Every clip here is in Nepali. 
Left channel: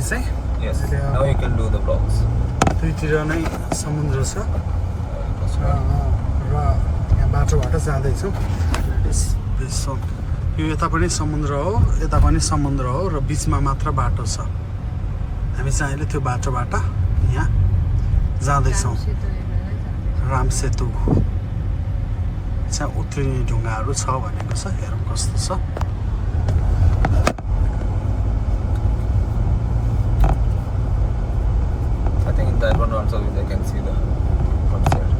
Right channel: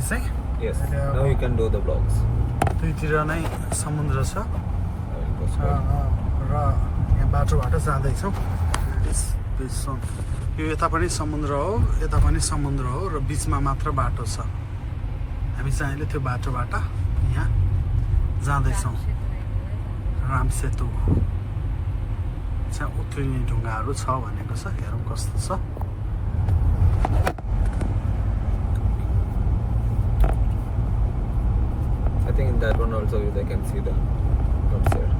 हामी चाहिँ Yes. Now you can do the vlogs. दुईतिर नै समुद्र छ र यहाँ बाटोबाट जाँदैछौँ यो यता पनि समुद्र हो यता पनि समुद्र हो र बिचमा मात्र बाटो छ हामी चाहिँ अहिले त्यो बाटोबाट यहाँ जाँदैछौँ राम सेतु चाहिँ उत्रिने ढुङ्गाहरू छ भनेको छ हेरौँ कस्तो छ I think in that one also they can see the outside.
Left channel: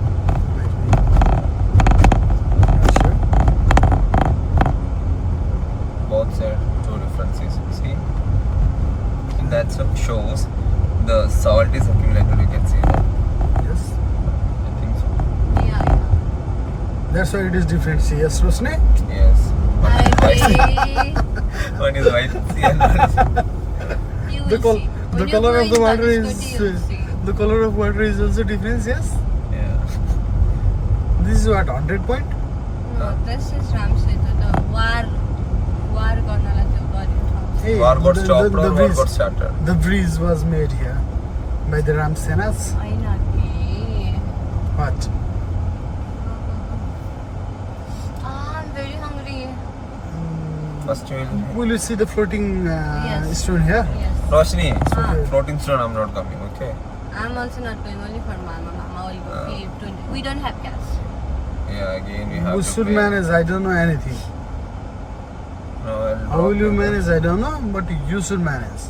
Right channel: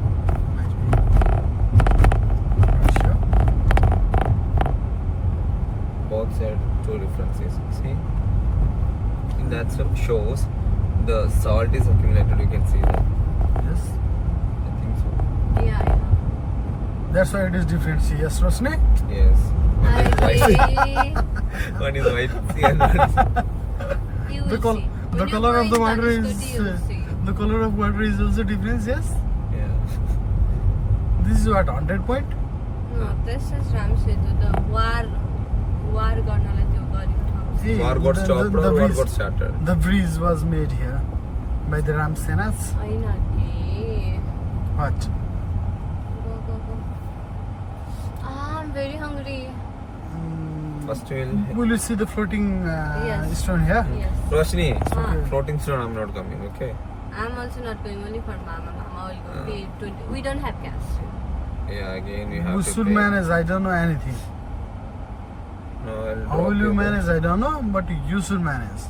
Both side two differences. See, and that shows the salt is accumulated. You can see that. Yes. I think so. Yeah. That's why it is different. See, yes, Rosni? Yes. I agree. One is white. See, and one is You The will col- see. the When you're color of going the water Dhanushkoti, is you will see. the color of water is also different. Yes. yeah. This is what 100 point. No, this is Ram Setu, the war गर्नलाई त्यो गरेको ठाउँ। Hey, War got stopped or war bridge, got started. the bridge was made here by the Ram Senas. होइन नि। What? I'm very hungry. First Will you see the floating Yes. stone here? Yes. Roshni, Ah. floating stone. I'm not coming. Okay. I'm also not going, only for Mama. Mama will go pay 20. We don't have cash. Yeah. Again, we have Who to should pay. manage? I don't know anything. No, I'll How drop will you the- manage? I don't know, but you should manage.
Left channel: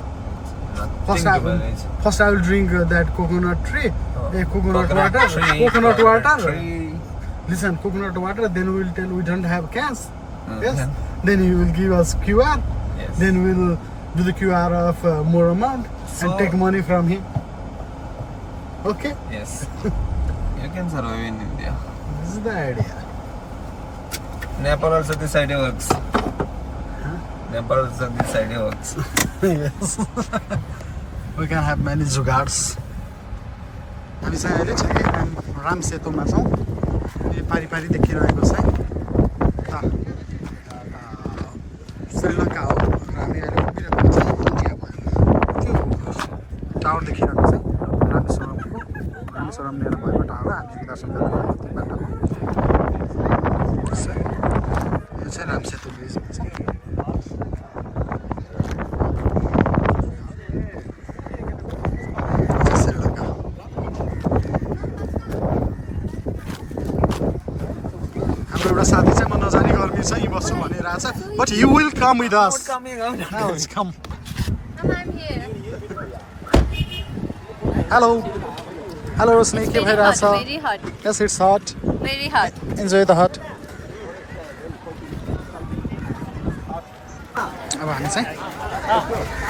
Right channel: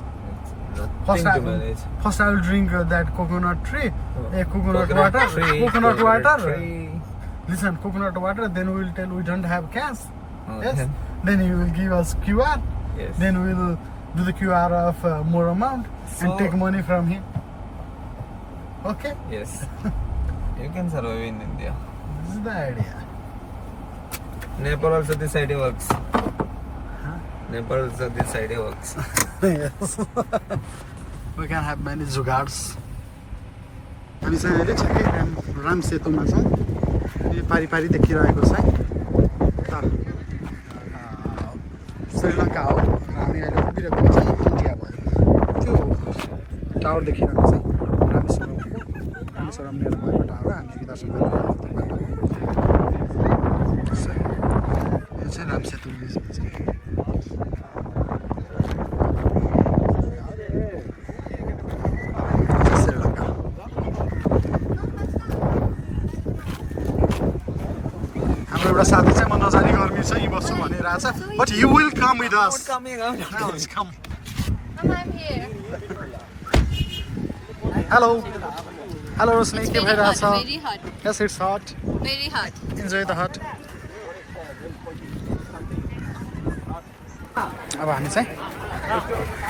Nothing First, to manage. I will drink that coconut tree. Coconut water. tree, Coconut water. tree. Listen, coconut water. Then we will tell we don't have cash. Yes. Yeah. Then you will give us QR. Yes. Then we will do the QR of more amount So- and take money from him. Okay. Yes. You can survive in India. This is the idea. Nepal also this idea works. Nepal also this idea works. Yes. We can have many जुगाड्स हामी चाहिँ अहिले ठ्याक्कै राम सेतुमा छौँ यो पारी पारी देखिरहेको छ श्रीलङ्का हो र हामी अहिले उभिरहेको छौँ इन्डिया भयो त्यो टावर देखिरहेको छ रामेश्वरम लिएर भएको टावर हामी दर्शन गरेर बाटो हो यो चाहिँ राम सेतु ब्रिज भन्छ श्रीलङ्का हाम्रो एउटा साथी चाहिँ म नजाने गर्मी छ यी बस्छु भनिरहेछ but you will come with us come I'm here. Hello hello Roshni के भइरहेछ Very hot. Yes it's hot Very hot. Enjoy the hot अब हामी चाहिँ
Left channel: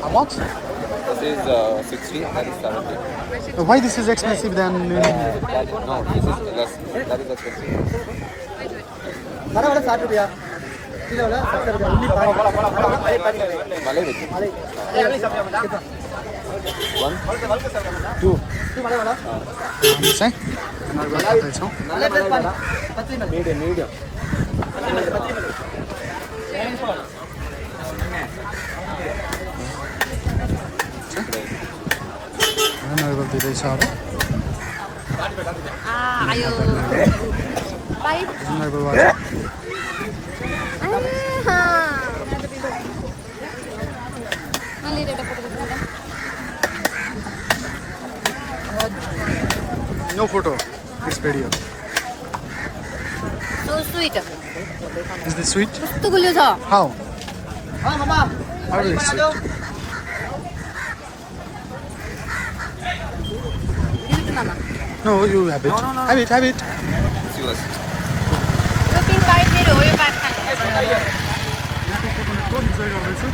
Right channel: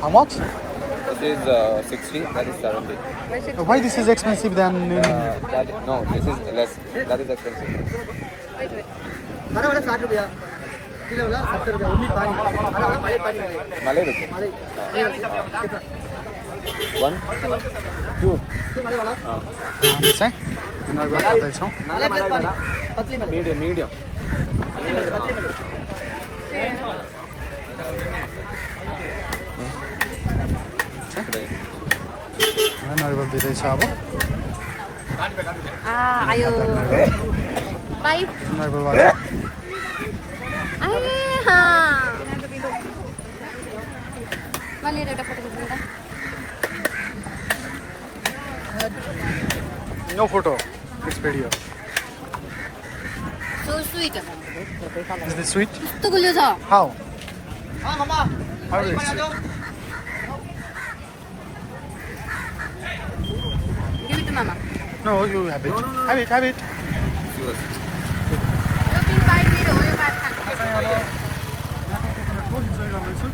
How much? This is 60, that is 70. Why this is expensive than in... No, this is less. That is expensive. वाला 60 रुपया किलो वाला 70 रुपया उन्नी पानी अरे वाला पानी Malay bhai. अरे कितना 1, 2. तू वाला वाला हामी चाहिँ नर्बल खाँदैछौँ वाले प्लेट पानी पतली में Medium, medium. हामी नर्बल दिँदैछ अब आयो। नर्बल Pipe. नर्बलबाट मैले एउटा फोटो खिच्नु त। No photo it's video So sweet. Is this sweet कस्तो गुलियो छ। हाउ हां मामा how it's sweet Give it to mama. No you have it have it Serious. यो पिङ्क पाइप मेरो हो, यो पाइप खानु। यहाँको कोकोनटको इन्जोय गर्दैछु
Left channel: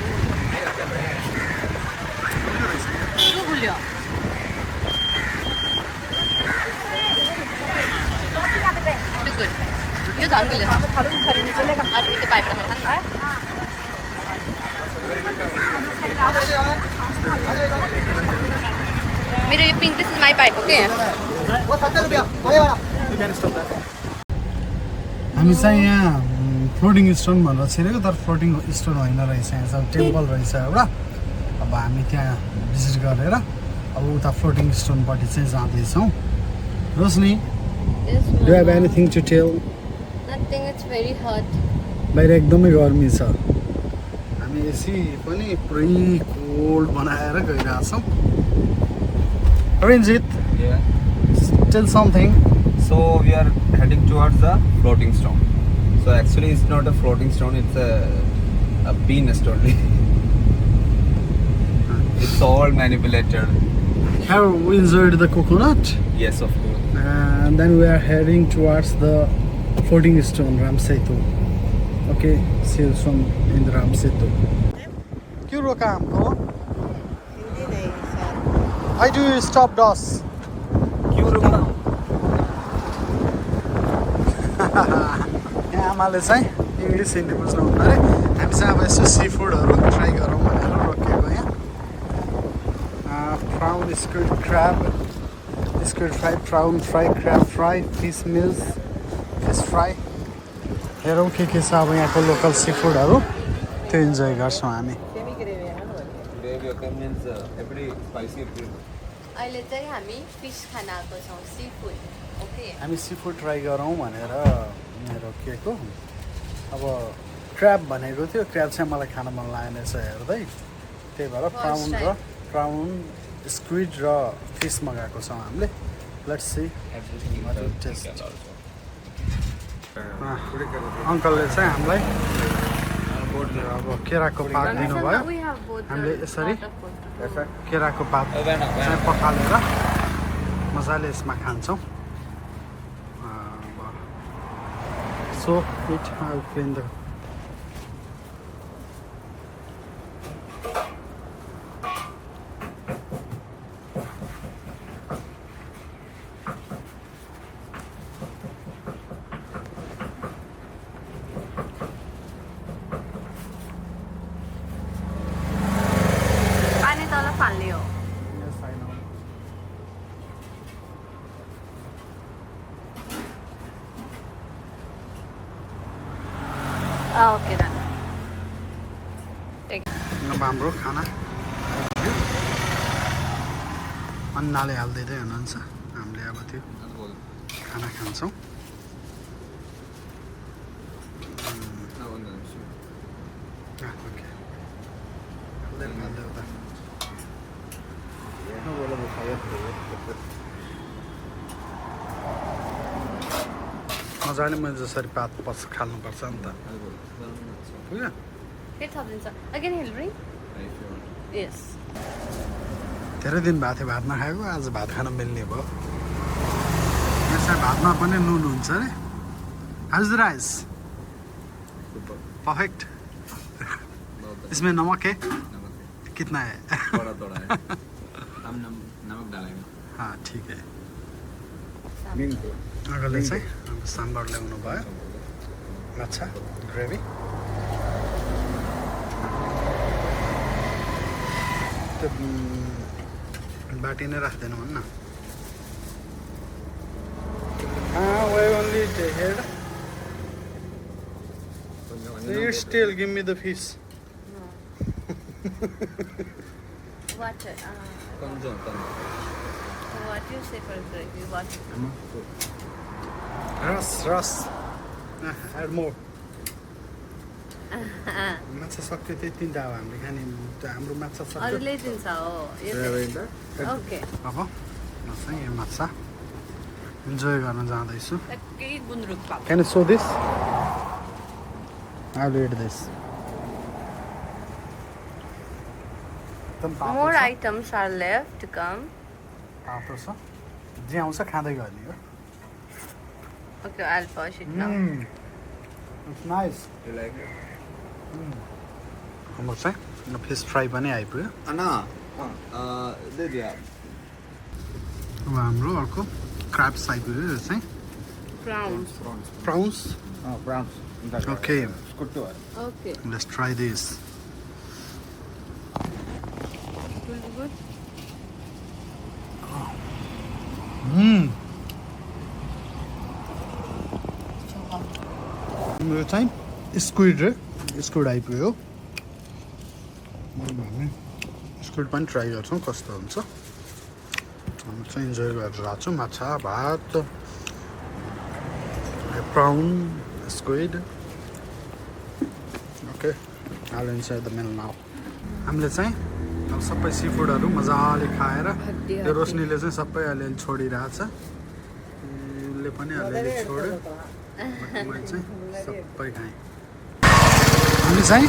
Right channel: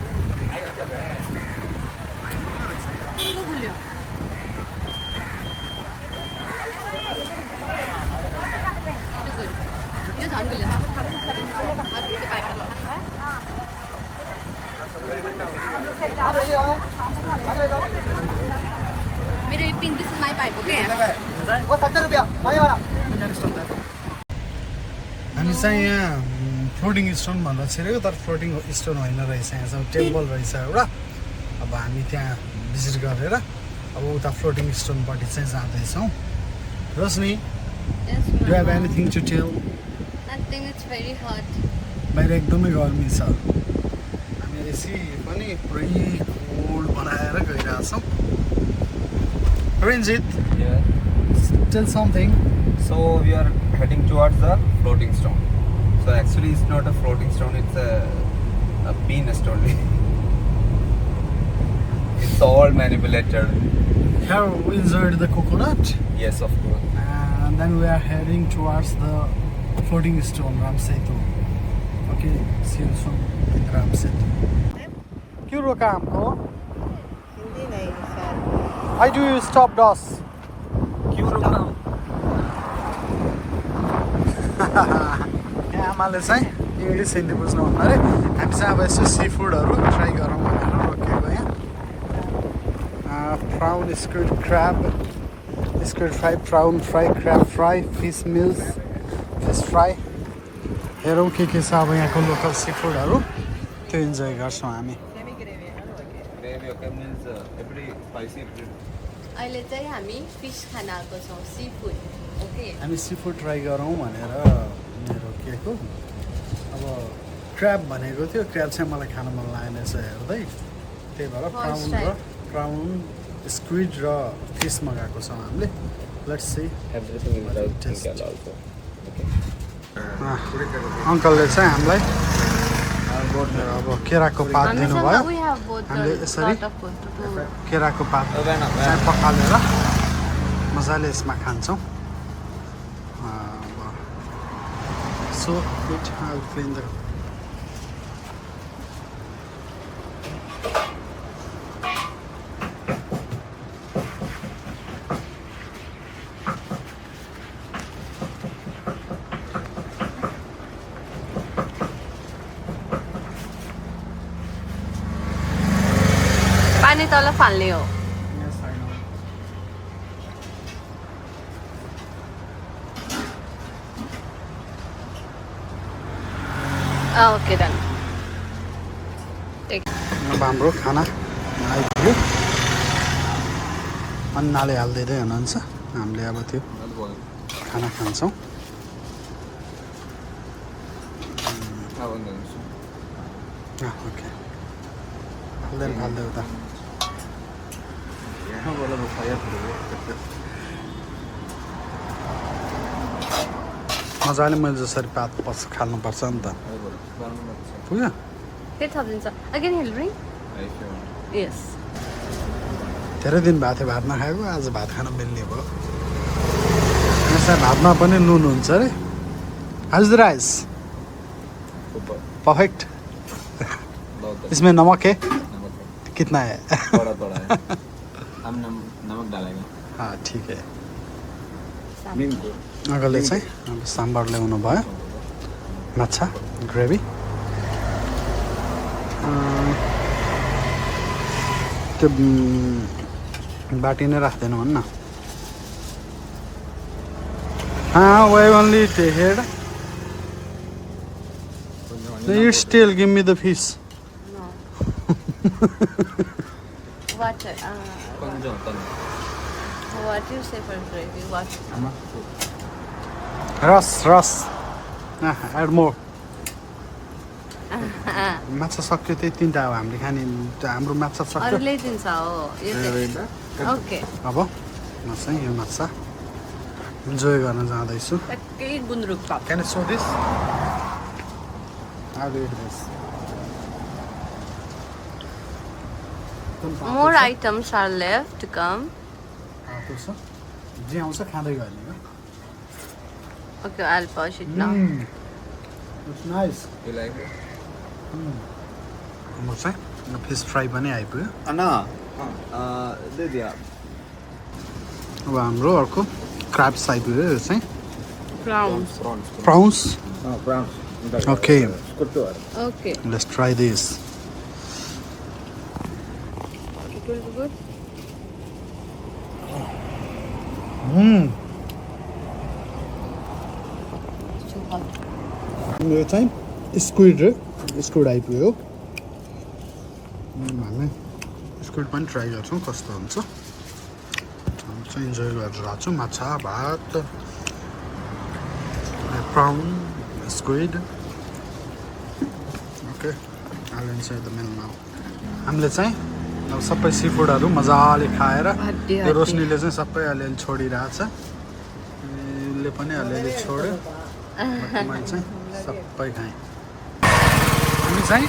कस्तो गुलियो। Good. यो झन् गुलियो छ। आज यो पाइप त मेरो यो pink this is my pipe okay. वो 70 रुपया वाले वाला हामी चाहिँ यहाँ फ्लोटिङ स्टोन भनेर छिरेको तर फ्लोटिङ स्टोन होइन रहेछ यहाँ चाहिँ टेम्पल रहेछ एउटा अब हामी त्यहाँ भिजिट गरेर अब उता फ्लोटिङ स्टोनपट्टि चाहिँ जाँदैछौँ Roshni Yes, do have Mama. Anything to tell Nothing, it's very hot. बाहिर एकदमै गर्मी छ हामी एसी पनि पुरै कोल्ड बनाएर गइरहेछौँ Ranjit Yeah. Tell something So we are heading towards the floating stone. So actually it's not a floating stone, it's a penis only. It's all manipulated. Have enjoyed the coconut Yes, of course. and then we are heading towards the floating stone Ramsetu. Okay, see you soon in the Ramsetu. क्यों रोका हमको? Why do you stop us? यहाँ आमाले चाहिँ इङ्ग्लिस हिन्दी बुझ्नुहुन्न अरे हामी चाहिँ अब यसो सी फुडहरू ट्राई गरौँ भनेर रोकेको यहाँ prawn squid crab squid fry prawn fry crab fry fish meals fish fry हेरौँ के छ अब यहाँको लोकल सी फुडहरू त्यो इन्जोय गर्छौँ हामी Gravy okay means every spicy. अहिले चाहिँ हामी फिस खान आएको छौँ सी फुड ओके हामी सी फुड ट्राई गरौँ भनेर मेरो केको अब क्र्याब भनेको थियो क्र्याब चाहिँ मलाई खान मन लागेन रहेछ हेर्दै त्यही भएर प्राउन स्क्विड र फिस मगाएको छौँ हामीले let's see Everything What inside it tastes. chicken also. अङ्कलले चाहिँ हामीलाई अब केराको पात दिनुभयो We have both हामीले the यसरी sort of food to go. केराको पात चाहिँ पखालेर मजाले यसमा खान्छौँ सो इट पानी तल फाल्ने हो ओके डन अब हाम्रो खाना आइपुग्यो अन्नाले हालिदिँदै हुनुहुन्छ हामीले अब त्यो खाना खान्छौँ ओके हाल्दै उता मजाले मैले जसरी पात खाल्नुपर्छ नि त पुग्यो के थपिन्छ अगेन हिल रिङ यस धेरै दिन भएको थियो भात नखाएको आज भात खान मिल्ने भयो यहाँ भातमा पनि नुन हुन्छ अरे how's the rice Super. Perfect बहुत इसमें नमक है नमक है। कितना है थोड़ा थोड़ा है हम नमक डालेंगे हाँ ठीक है नींबू अगले चाहिँ अब साम्बार ल्याउनु भयो माछा ग्रेभी त्यो बाटी नै राख्दैन भन्न why only the head you still give me the fish What கொஞ்சம் what you say for gravy? What? रस add more माछा सक्यो त्यही तिनवटा हो हामीले खाने हाम्रो माछा सक्यो अरूले दिन्छ हो ओके अब म चाहिँ यो माछा इन्जोय गर्न जाँदैछु टक्कै गुन्द्रुक पाप Can I show this? I will eat this. More items are left to come. तातो छ जे आउँछ खाँदै गर्ने हो Okay, I'll pause it now. It's nice. You like it? हाम्रो चाहिँ फिस फ्राई पनि आइपुग्यो अन्ना दे दिया अब हाम्रो अर्को क्राब्स आइपुग्यो यो चाहिँ Prawns. Prawns prawns Okay. Okay. Let's try this. It will be good. यो चाहिँ स्क्विड आइपुग्यो हामी स्क्विड पनि ट्राई गर्छौँ कस्तो हुन्छ हामी चाहिँ इन्जोय गरेर आएको छौँ माछा भात brown squid okay I'll inside the meal now. हामीले चाहिँ अब सबै सी फुडहरू मजाले खाएर त्यो रोशनीले चाहिँ सबै अलिअलि छोडिरहेछ उसले पनि अलिअलि छोड्यो मैले चाहिँ सबै खाएँ हामी चाहिँ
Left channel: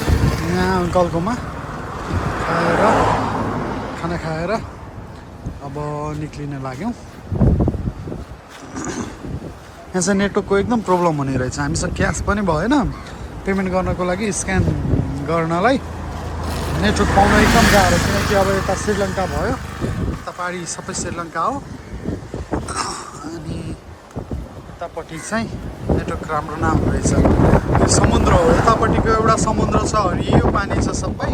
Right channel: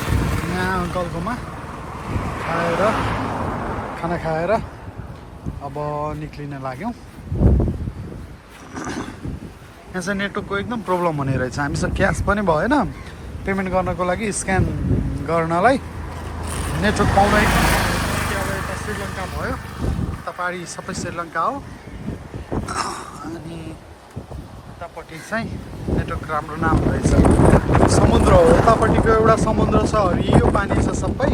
यहाँ अङ्कलकोमा खाना खाएर अब निक्लिन लाग्यौँ यहाँ चाहिँ नेटवर्कको एकदम प्रब्लम हुने रहेछ हामीसँग क्यास पनि भएन पेमेन्ट गर्नको लागि स्क्यान गर्नलाई नेटवर्क पाउन एकदम गाह्रो किनकि अब यता श्रीलङ्का भयो यता पहाडी सबै श्रीलङ्का हो अनि यतापट्टि चाहिँ नेटवर्क राम्रो नआउँदो रहेछ समुद्र हो यतापट्टिको एउटा समुद्र छ हरियो पानी छ सबै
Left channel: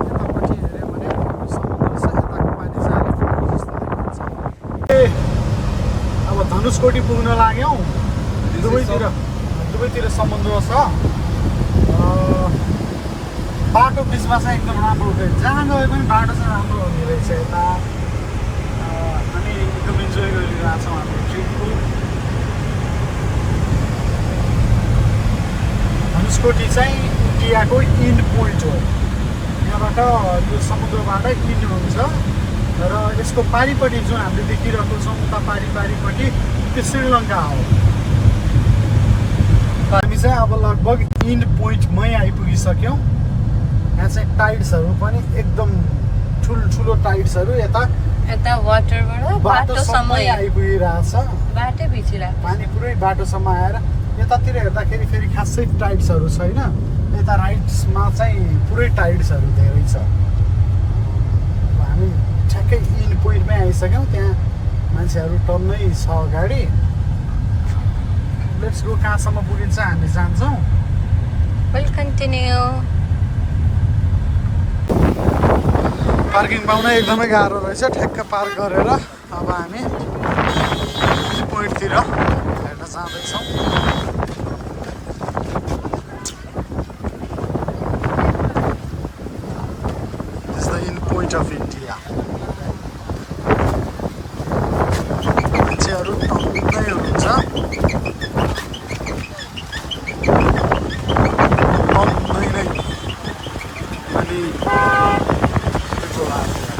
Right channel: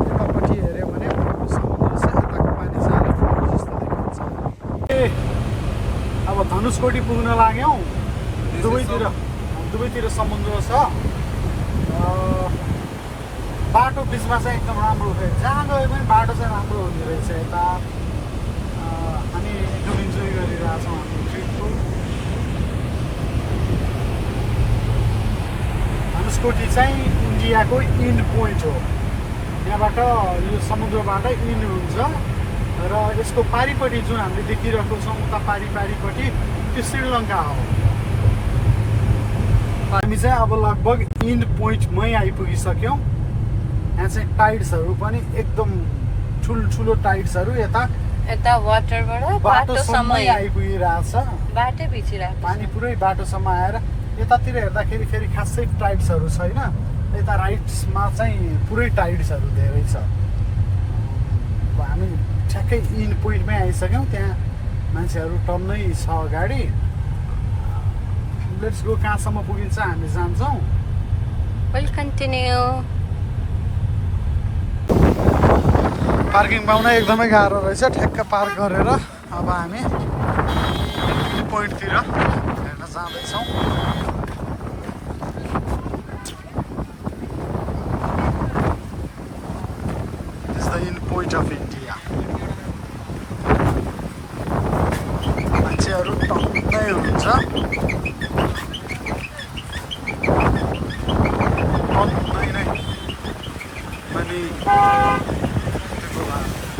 यतापट्टि हेऱ्यो भने समुद्र छ यताको पानी चाहिँ अलिक ठुलो जस्तो देखिन्छ अब धनुषकोटी पुग्न लाग्यौँ दुवैतिर समुद्र छ बाटो बिचमा चाहिँ एकदम राम्रो जहाँ गए पनि बाटो चाहिँ राम्रो हुने रहेछ यता अनि एकदम इन्जोय गरिरहेछौँ हाम्रो ट्रिपको धनुषकोटी चाहिँ इन्डियाको इन्ड पोइन्ट हो यहाँबाट यो समुद्रबाट इन्ड हुन्छ र यसको पारिपट्टि जुन हामीले देखिरहेको छौँ उता पारिपट्टि त्यो श्रीलङ्का हो हामी चाहिँ अब लगभग इन्ड पोइन्टमै आइपुगिसक्यौँ यहाँ चाहिँ टाइड्सहरू पनि एकदम ठुल्ठुलो टाइड्सहरू यता वाटरबाट बाटोसम्म आइपुगिरहेछ बाटै भिचिरहेको पानी पुरै बाटोसम्म आएर यतातिर हेर्दाखेरि फेरि खासै टाइड्सहरू छैन यता राइट्समा चाहिँ पुरै टाइड्सहरू धेरै छ अब हामी ठ्याक्कै इन्ड पोइन्टमै आइसक्यौँ त्यहाँ मान्छेहरू टन्नै छ अगाडि लेट्स गो कहाँसम्म पुगिन्छ हामी जान्छौँ वेल कन्टिन्यू पार्किङ पाउन एकदमै गाह्रो रहेछ ठ्याक्क पार्क गरेर अब हामी पोइन्टतिर हेर्न जाँदैछौँ this the in point of India मान्छेहरू टन्नै हुनुहुन्छ टन्नै नै अनि people out there.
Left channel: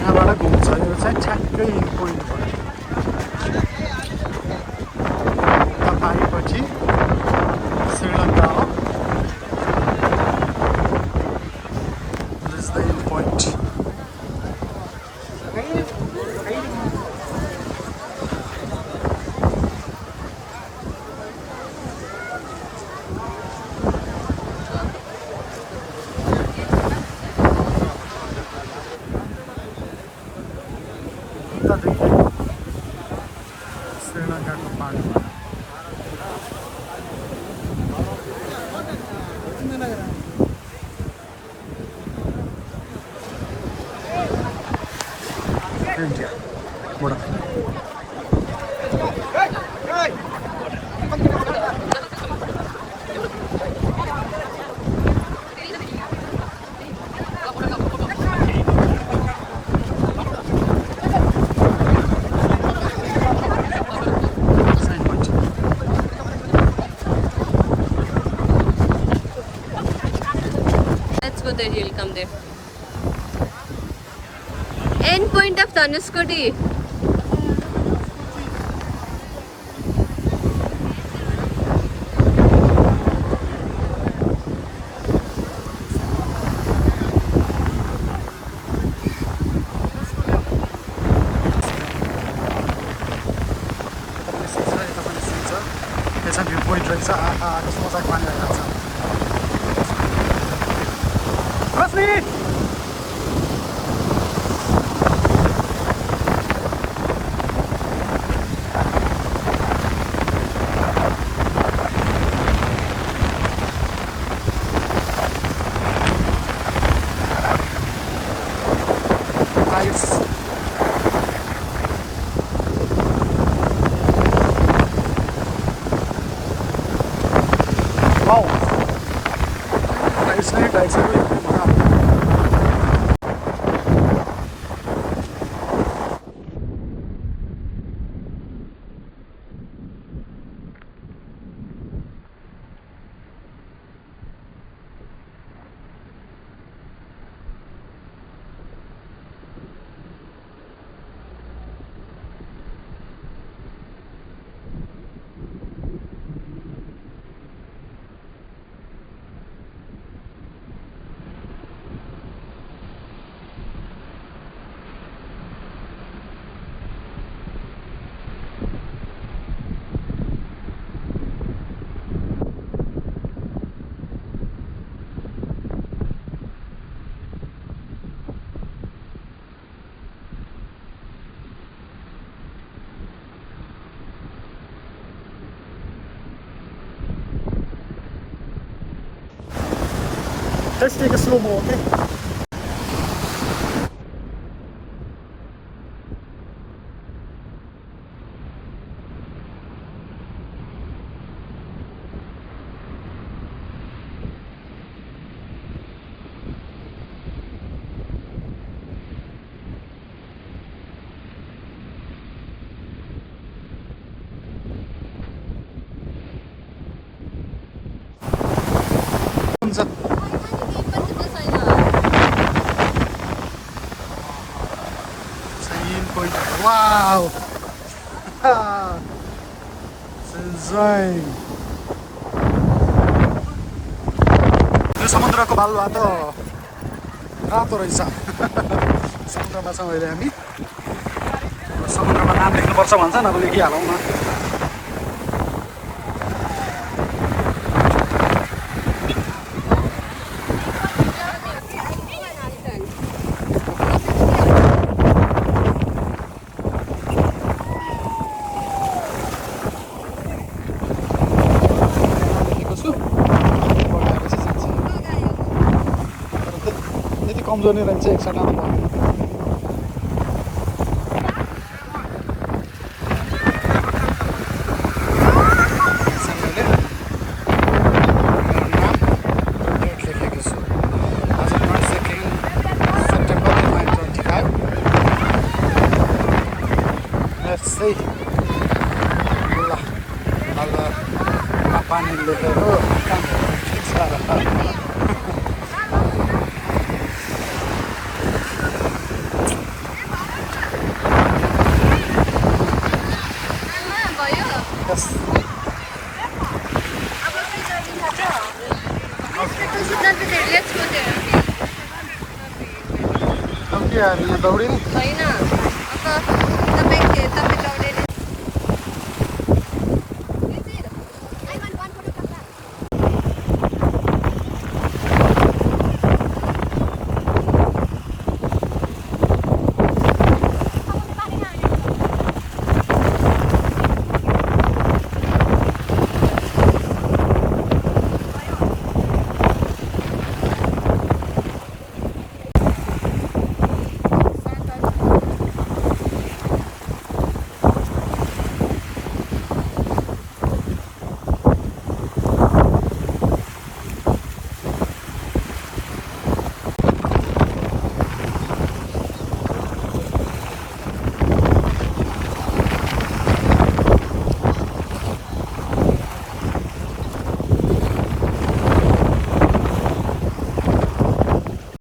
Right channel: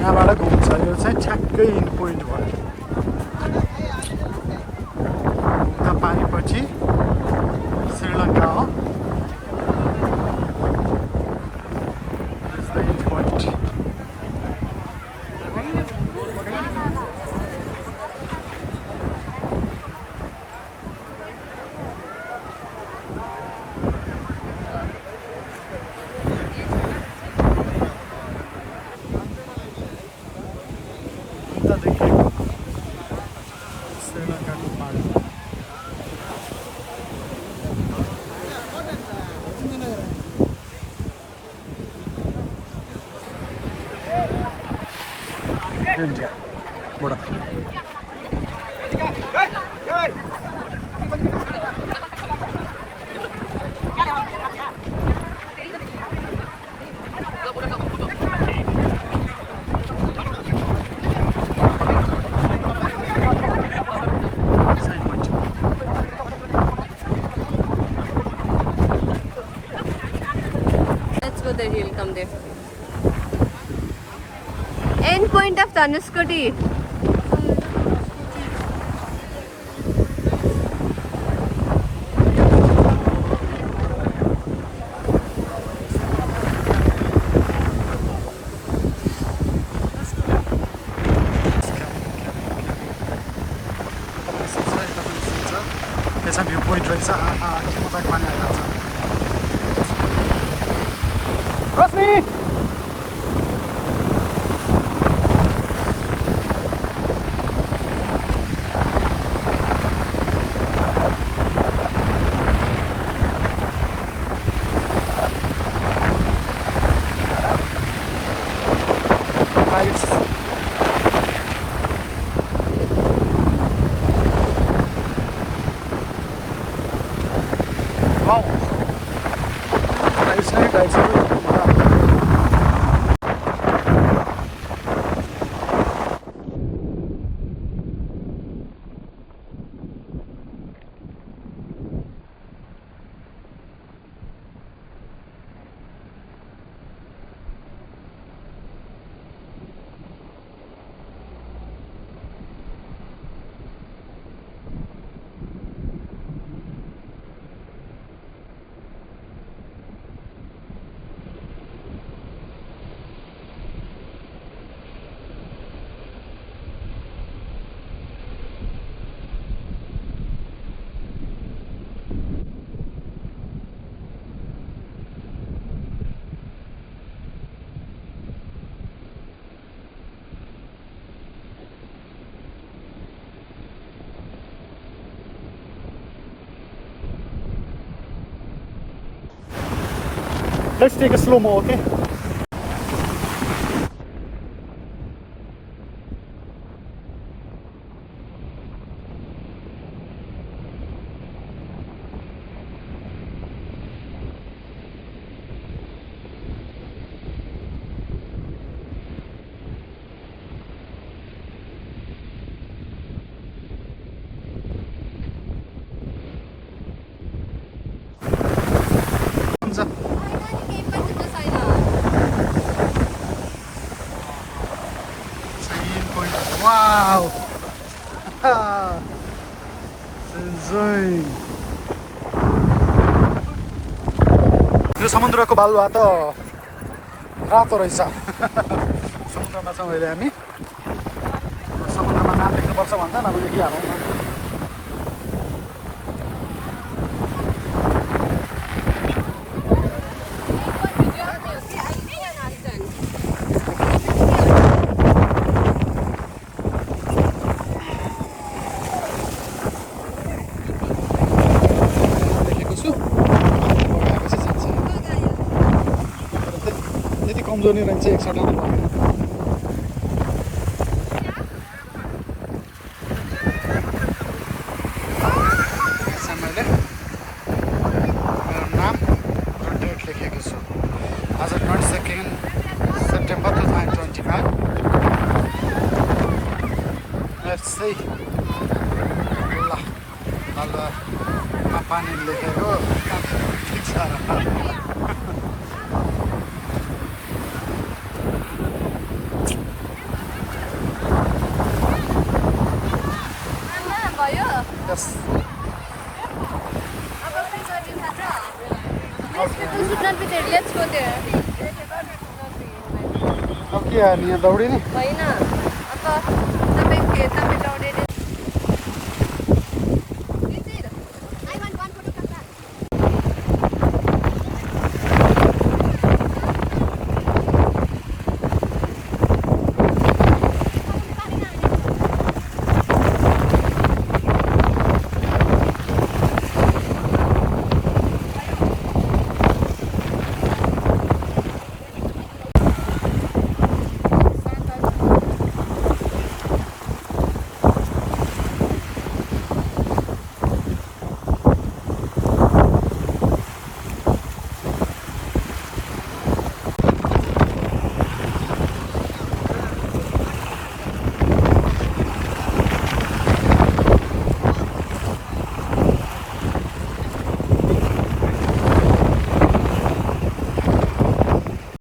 यहाँबाट घुम्छ यो चाहिँ ठ्याक्कै इन पोइन्ट भयो उता पारिपट्टि श्रीलङ्का हो दिस द इन पोइन्ट श्रीलङ्काको पानी इन्डिया बडा the hill. Come there. End point of Dhanushkodi. त्यहाँ भ्यू पोइन्ट रहेछ कस्तो मजाको पानी आइरहेको छ Rashmi Wow. Nice night, nice night. Let's take a slow-mo, okay? Wow! Enjoying. यो समुद्रको बालुवा त रातो रहेछ समुद्रमा छौँ अहिले हामी समुद्रमा नाम लेख्नुपर्छ भन्छ अब लेखिहालौँ न कमजोर नै रहेछ एक सटामा पर्दैन मैले मेरो नाम र डेट लेखेको छु आज 22 सेप्टेम्बर 2025 यस्तै ल बालुवामा पानी लेखेको कामहरू ठिक छ र Yes. अब के हामी यहाँ दौडिने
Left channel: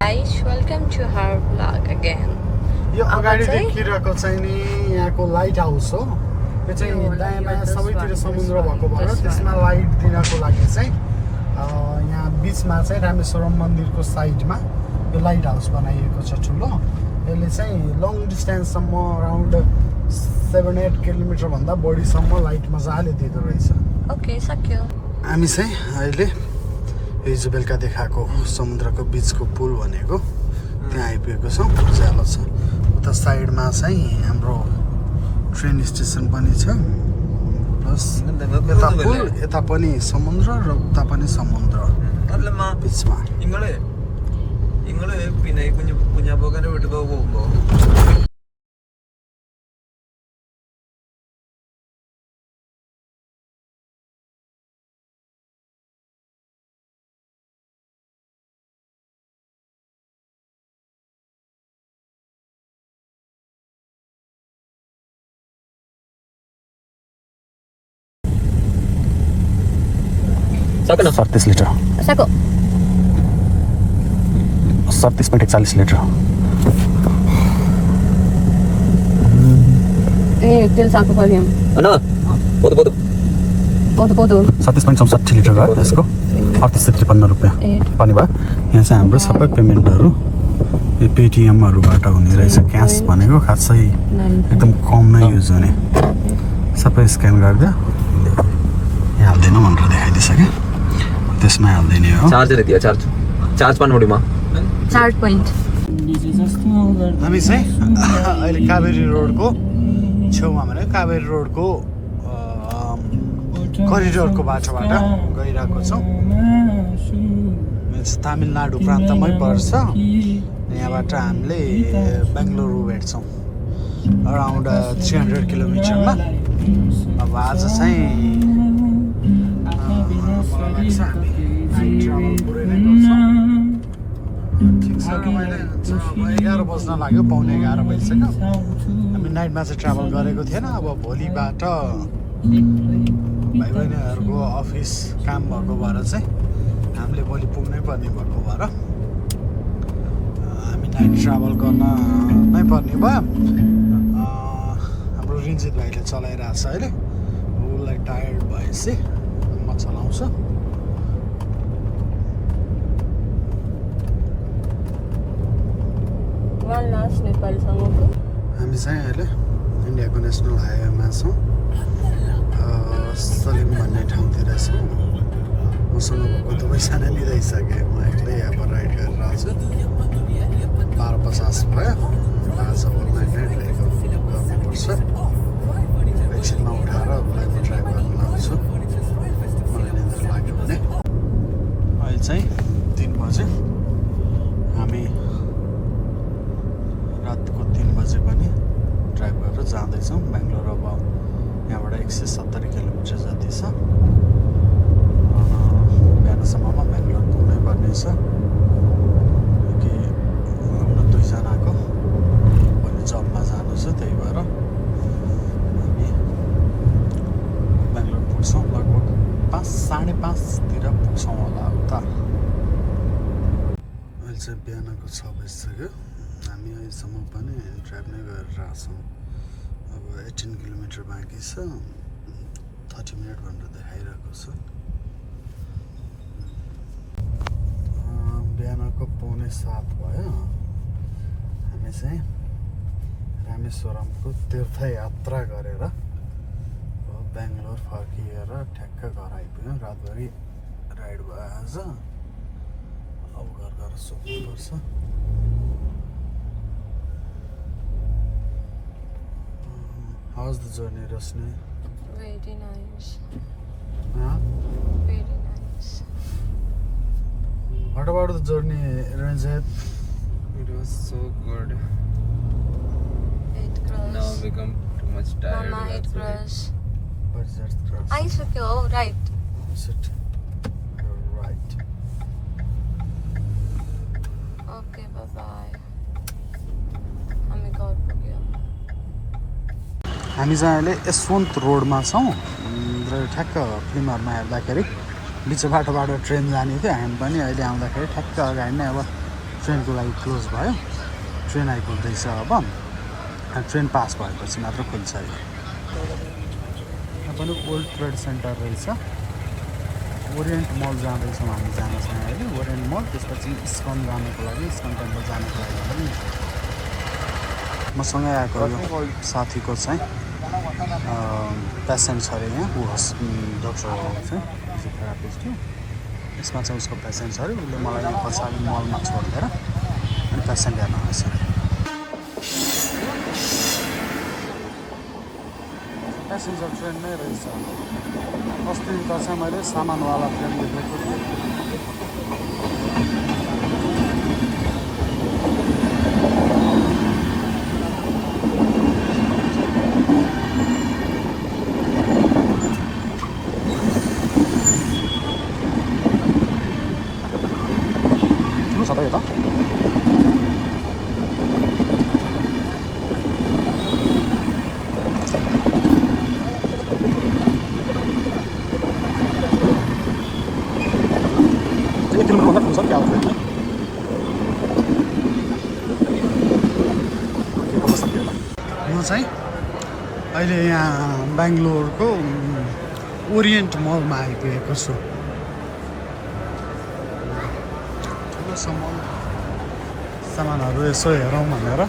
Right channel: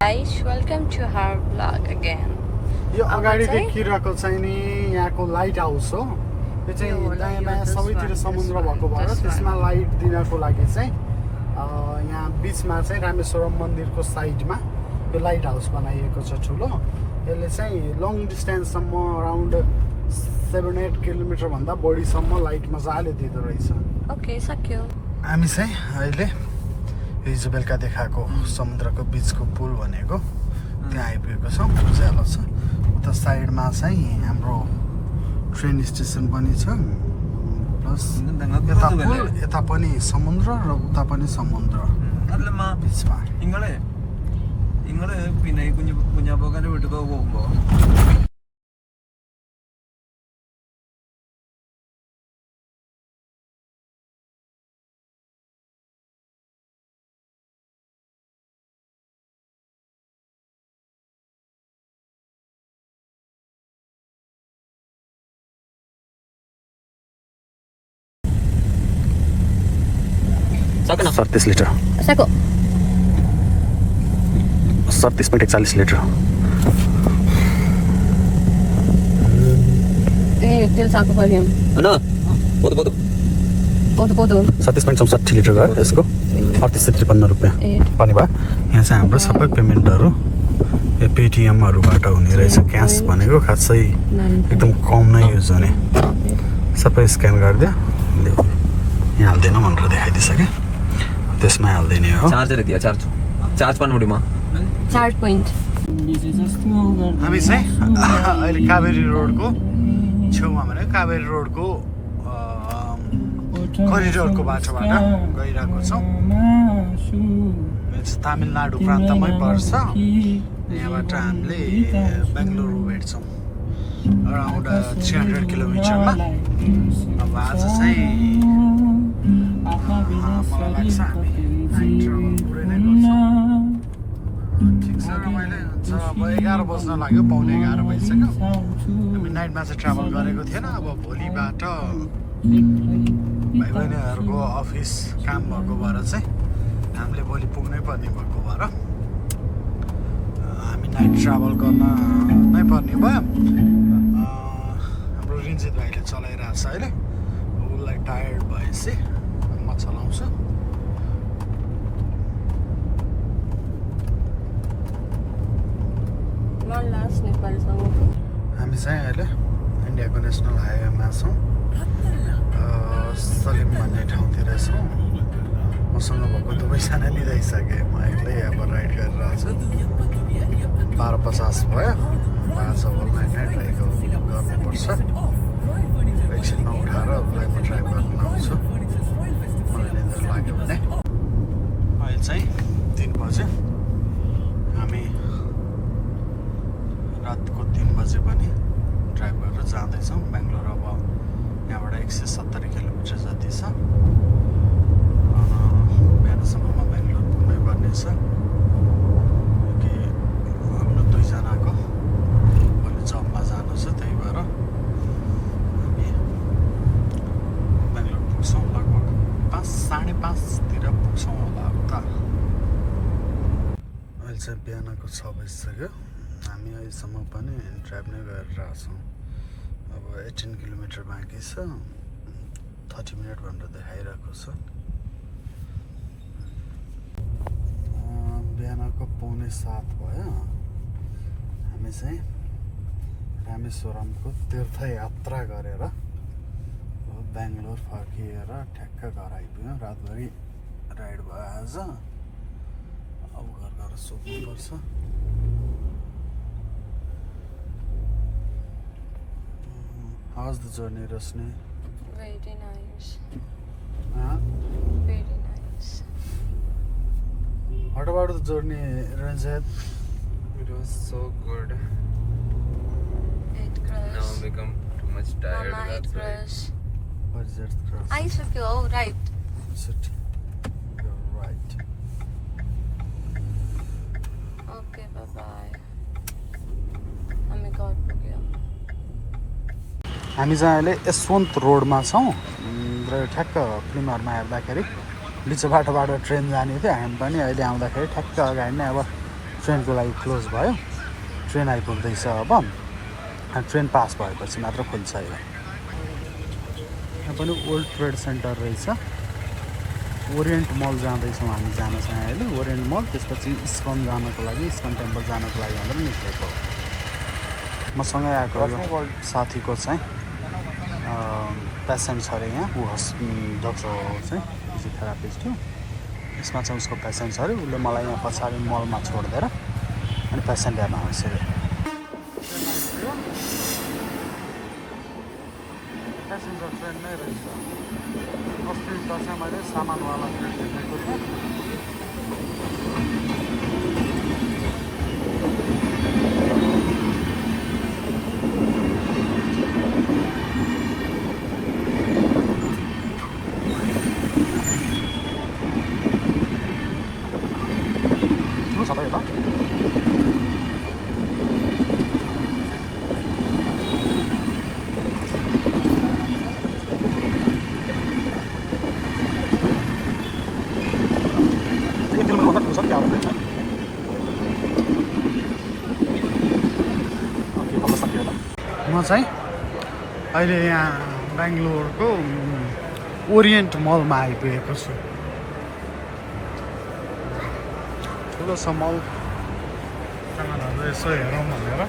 guys, welcome to our vlog again. यो अब अगाडि चाहिँ- देखिरहेको चाहिँ नि यहाँको लाइट हाउस हो यो चाहिँ यो होला, दायाँमा यो this सबैतिर one, समुद्र this भएको one, भएर this त्यसमा लाइट दिनको लागि चाहिँ यहाँ बिचमा चाहिँ रामेश्वरम मन्दिरको साइडमा यो लाइट हाउस बनाइएको छ ठुलो यसले चाहिँ लङ डिस्टेन्ससम्म अराउन्ड 7-8 किलोमिटरभन्दा बढीसम्म लाइट मजाले दिँदो रहेछ Okay, सक्यो. हामी चाहिँ अहिले हिजो बेलुका देखाएको समुद्रको बिचको पुल भनेको त्यहाँ आइपुगेको छौँ उज्यालो छ उता साइडमा चाहिँ हाम्रो ट्रेन स्टेसन पनि छ प्लस यता पुल यता पनि समुद्र र उता पनि समुद्र അതല്ലമ്മ बिचमा നിങ്ങള് പിന്നെ ഈ കുഞ്ഞാപ്പോക്കാന്റെ വീട്ടിൽ പോകുമ്പോ सक्नु 37 लिटर सक्यो. 37.41 लिटर ए तेल साको पर्यो. അണ്ണാ പോതു പോതു पोतो 37.64 लिटर भयो त्यसको 3853 रुपियाँ ए पनि भयो यहाँ चाहिँ हाम्रो सबै पेमेन्टहरू यो पेटिएमहरूबाट हुने रहेछ क्यास भनेको खासै एकदम कम नै युज हुने सबै स्क्यान गरिदियो यहाँ हाल्दैन भनेर देखाइदिइसकेँ त्यसमा हाल्दिने हो ചാർജർ എത്തിയോ ചാർജ് പാൻ മുടിയുമോ चार्ज पोइन्ट. हामी चाहिँ अहिले कावेरी रोडको छेउमा भने कावेरी रोडको करिडोरको बाटोबाट गइरहेको छौँ यो चाहिँ तामिलनाडु प्रान्तमै पर्छ यहाँबाट हामीले बेङ्गलुरु भेट्छौँ अराउन्ड 300 किलोमिटरमा अब आज चाहिँ मलाई लाग्छ हामी नाइट ट्राभल पुरै नै गर्छौँ ठिकसँग मैले अब 11 बज्न लाग्यो 11:15 भइसक्यो हामी नाइटमा चाहिँ ट्राभल गरेको थिएन अब भोलिबाट भाइ बहिनीहरूको अफिस काम भएको भएर चाहिँ हामीले भोलि पुग्नै पर्ने भएको भएर हामी नाइट ट्राभल गर्न नै पर्ने भयो हाम्रो रिन्जित भाइले चलाइरहेको छ अहिले उसलाई टायर्ड भएपछि म चलाउँछु नेपालसँगको हामी चाहिँ अहिले इन्डियाको नेसनल हाइवेमा छौँ सलिम भन्ने ठाउँतिर छौँ मसँग भएको दुवैजना लिइसकेँ म एक्लै अब राइड गरिरहेको छु 12:50 भयो आज ओभरनाइट नै ड्राइभ गर्नुपर्छ एकछिनमा उठाएर उसलाई म ड्राइभ गर्न लाउँछु मलाई निन्द्रा लाग्यो भने अहिले चाहिँ 3 बजे हामी रातको 3 बजे पनि ड्राइभ गरेर जाँदैछौँ बेङ्गलोर अब यहाँबाट 170 किलोमिटर जति छ बिहानसम्ममा बेङ्गलोर पुग्नै पर्ने छ कि हाम्रो 2 जनाको भोलि जबमा जानु छ त्यही भएर हामी बेङ्गलोर पुग्छौँ लगभग 5:30तिर पुग्छौँ होला उता अहिले चाहिँ बिहानको 6 बजिसक्यो हामी अहिलेसम्म पनि ड्राइभ नै गरिरहेको छौँ अब 18 किलोमिटर बाँकी छ 30 मिनट भनेर देखाइरहेको छ बिहानको 6:45 भयो हामी चाहिँ रामेश्वरमको तीर्थयात्रा गरेर बेङ्गलोर फर्किएर ठ्याक्क घर आइपुग्यौँ रातभरि राइड भयो आज अब घर गएर सोध्नुपर्छ How's the journey, Rosni? Very nice. Huh? Very nice. What about the journey, Ranjit? It was so good. It cross. Now become too much tired. Mama, it that's why. cross. What is that cross? आइसक्यो हौ right. Sit. You're right. Okay bye bye. हामी घर पुग्यौँ. हामी चाहिँ अहिले यशवन्त रोडमा छौँ र ठ्याक्क फिल्महरूमा हेर्दाखेरि बिच बाटोबाट ट्रेन जाने थियो हामी पनि अहिले आउँदाखेरि ठ्याक्क अगाडि नै अब ट्रेनको लागि क्लोज भयो, ट्रेन आइपुग्दैछ अब। ट्रेन पास भएपछि मात्र खुल्छ यो। यहाँ पनि ओल्ड ट्रेड सेन्टर रहेछ। ओरिएन्ट मल जाँदैछौँ हामी जान चाहिँ अहिले। ओरिएन्ट मल, त्यसपछि इस्कन जानको लागि, इस्कन टेम्पल जानको लागि भनेर निस्केको। मसँगै आएको यो साथीको चाहिँ पेसेन्ट छ अरे यहाँ। ऊ डक्टर हो चाहिँ, फिजियोथेरापिस्ट हो। यसमा चाहिँ उसको पेसेन्ट छ अरे। उसले मलाई यहाँ पछाडि मलमा छोडिदिएर अनि पेसेन्ट हेर्न आउँछ अरे। पेसेन्जर ट्रेन नै रहेछ। अस्ति त चाहिँ मैले सामानवाला ट्रेन देखेको थिएँ। सबै हो त। म चाहिँ अहिले यहाँ बेङ्गलोरको ओरिएन्ट मलमा आइपुगेको छु। ठुलो छ मल, सामानहरू यसो हेरौँ भनेर।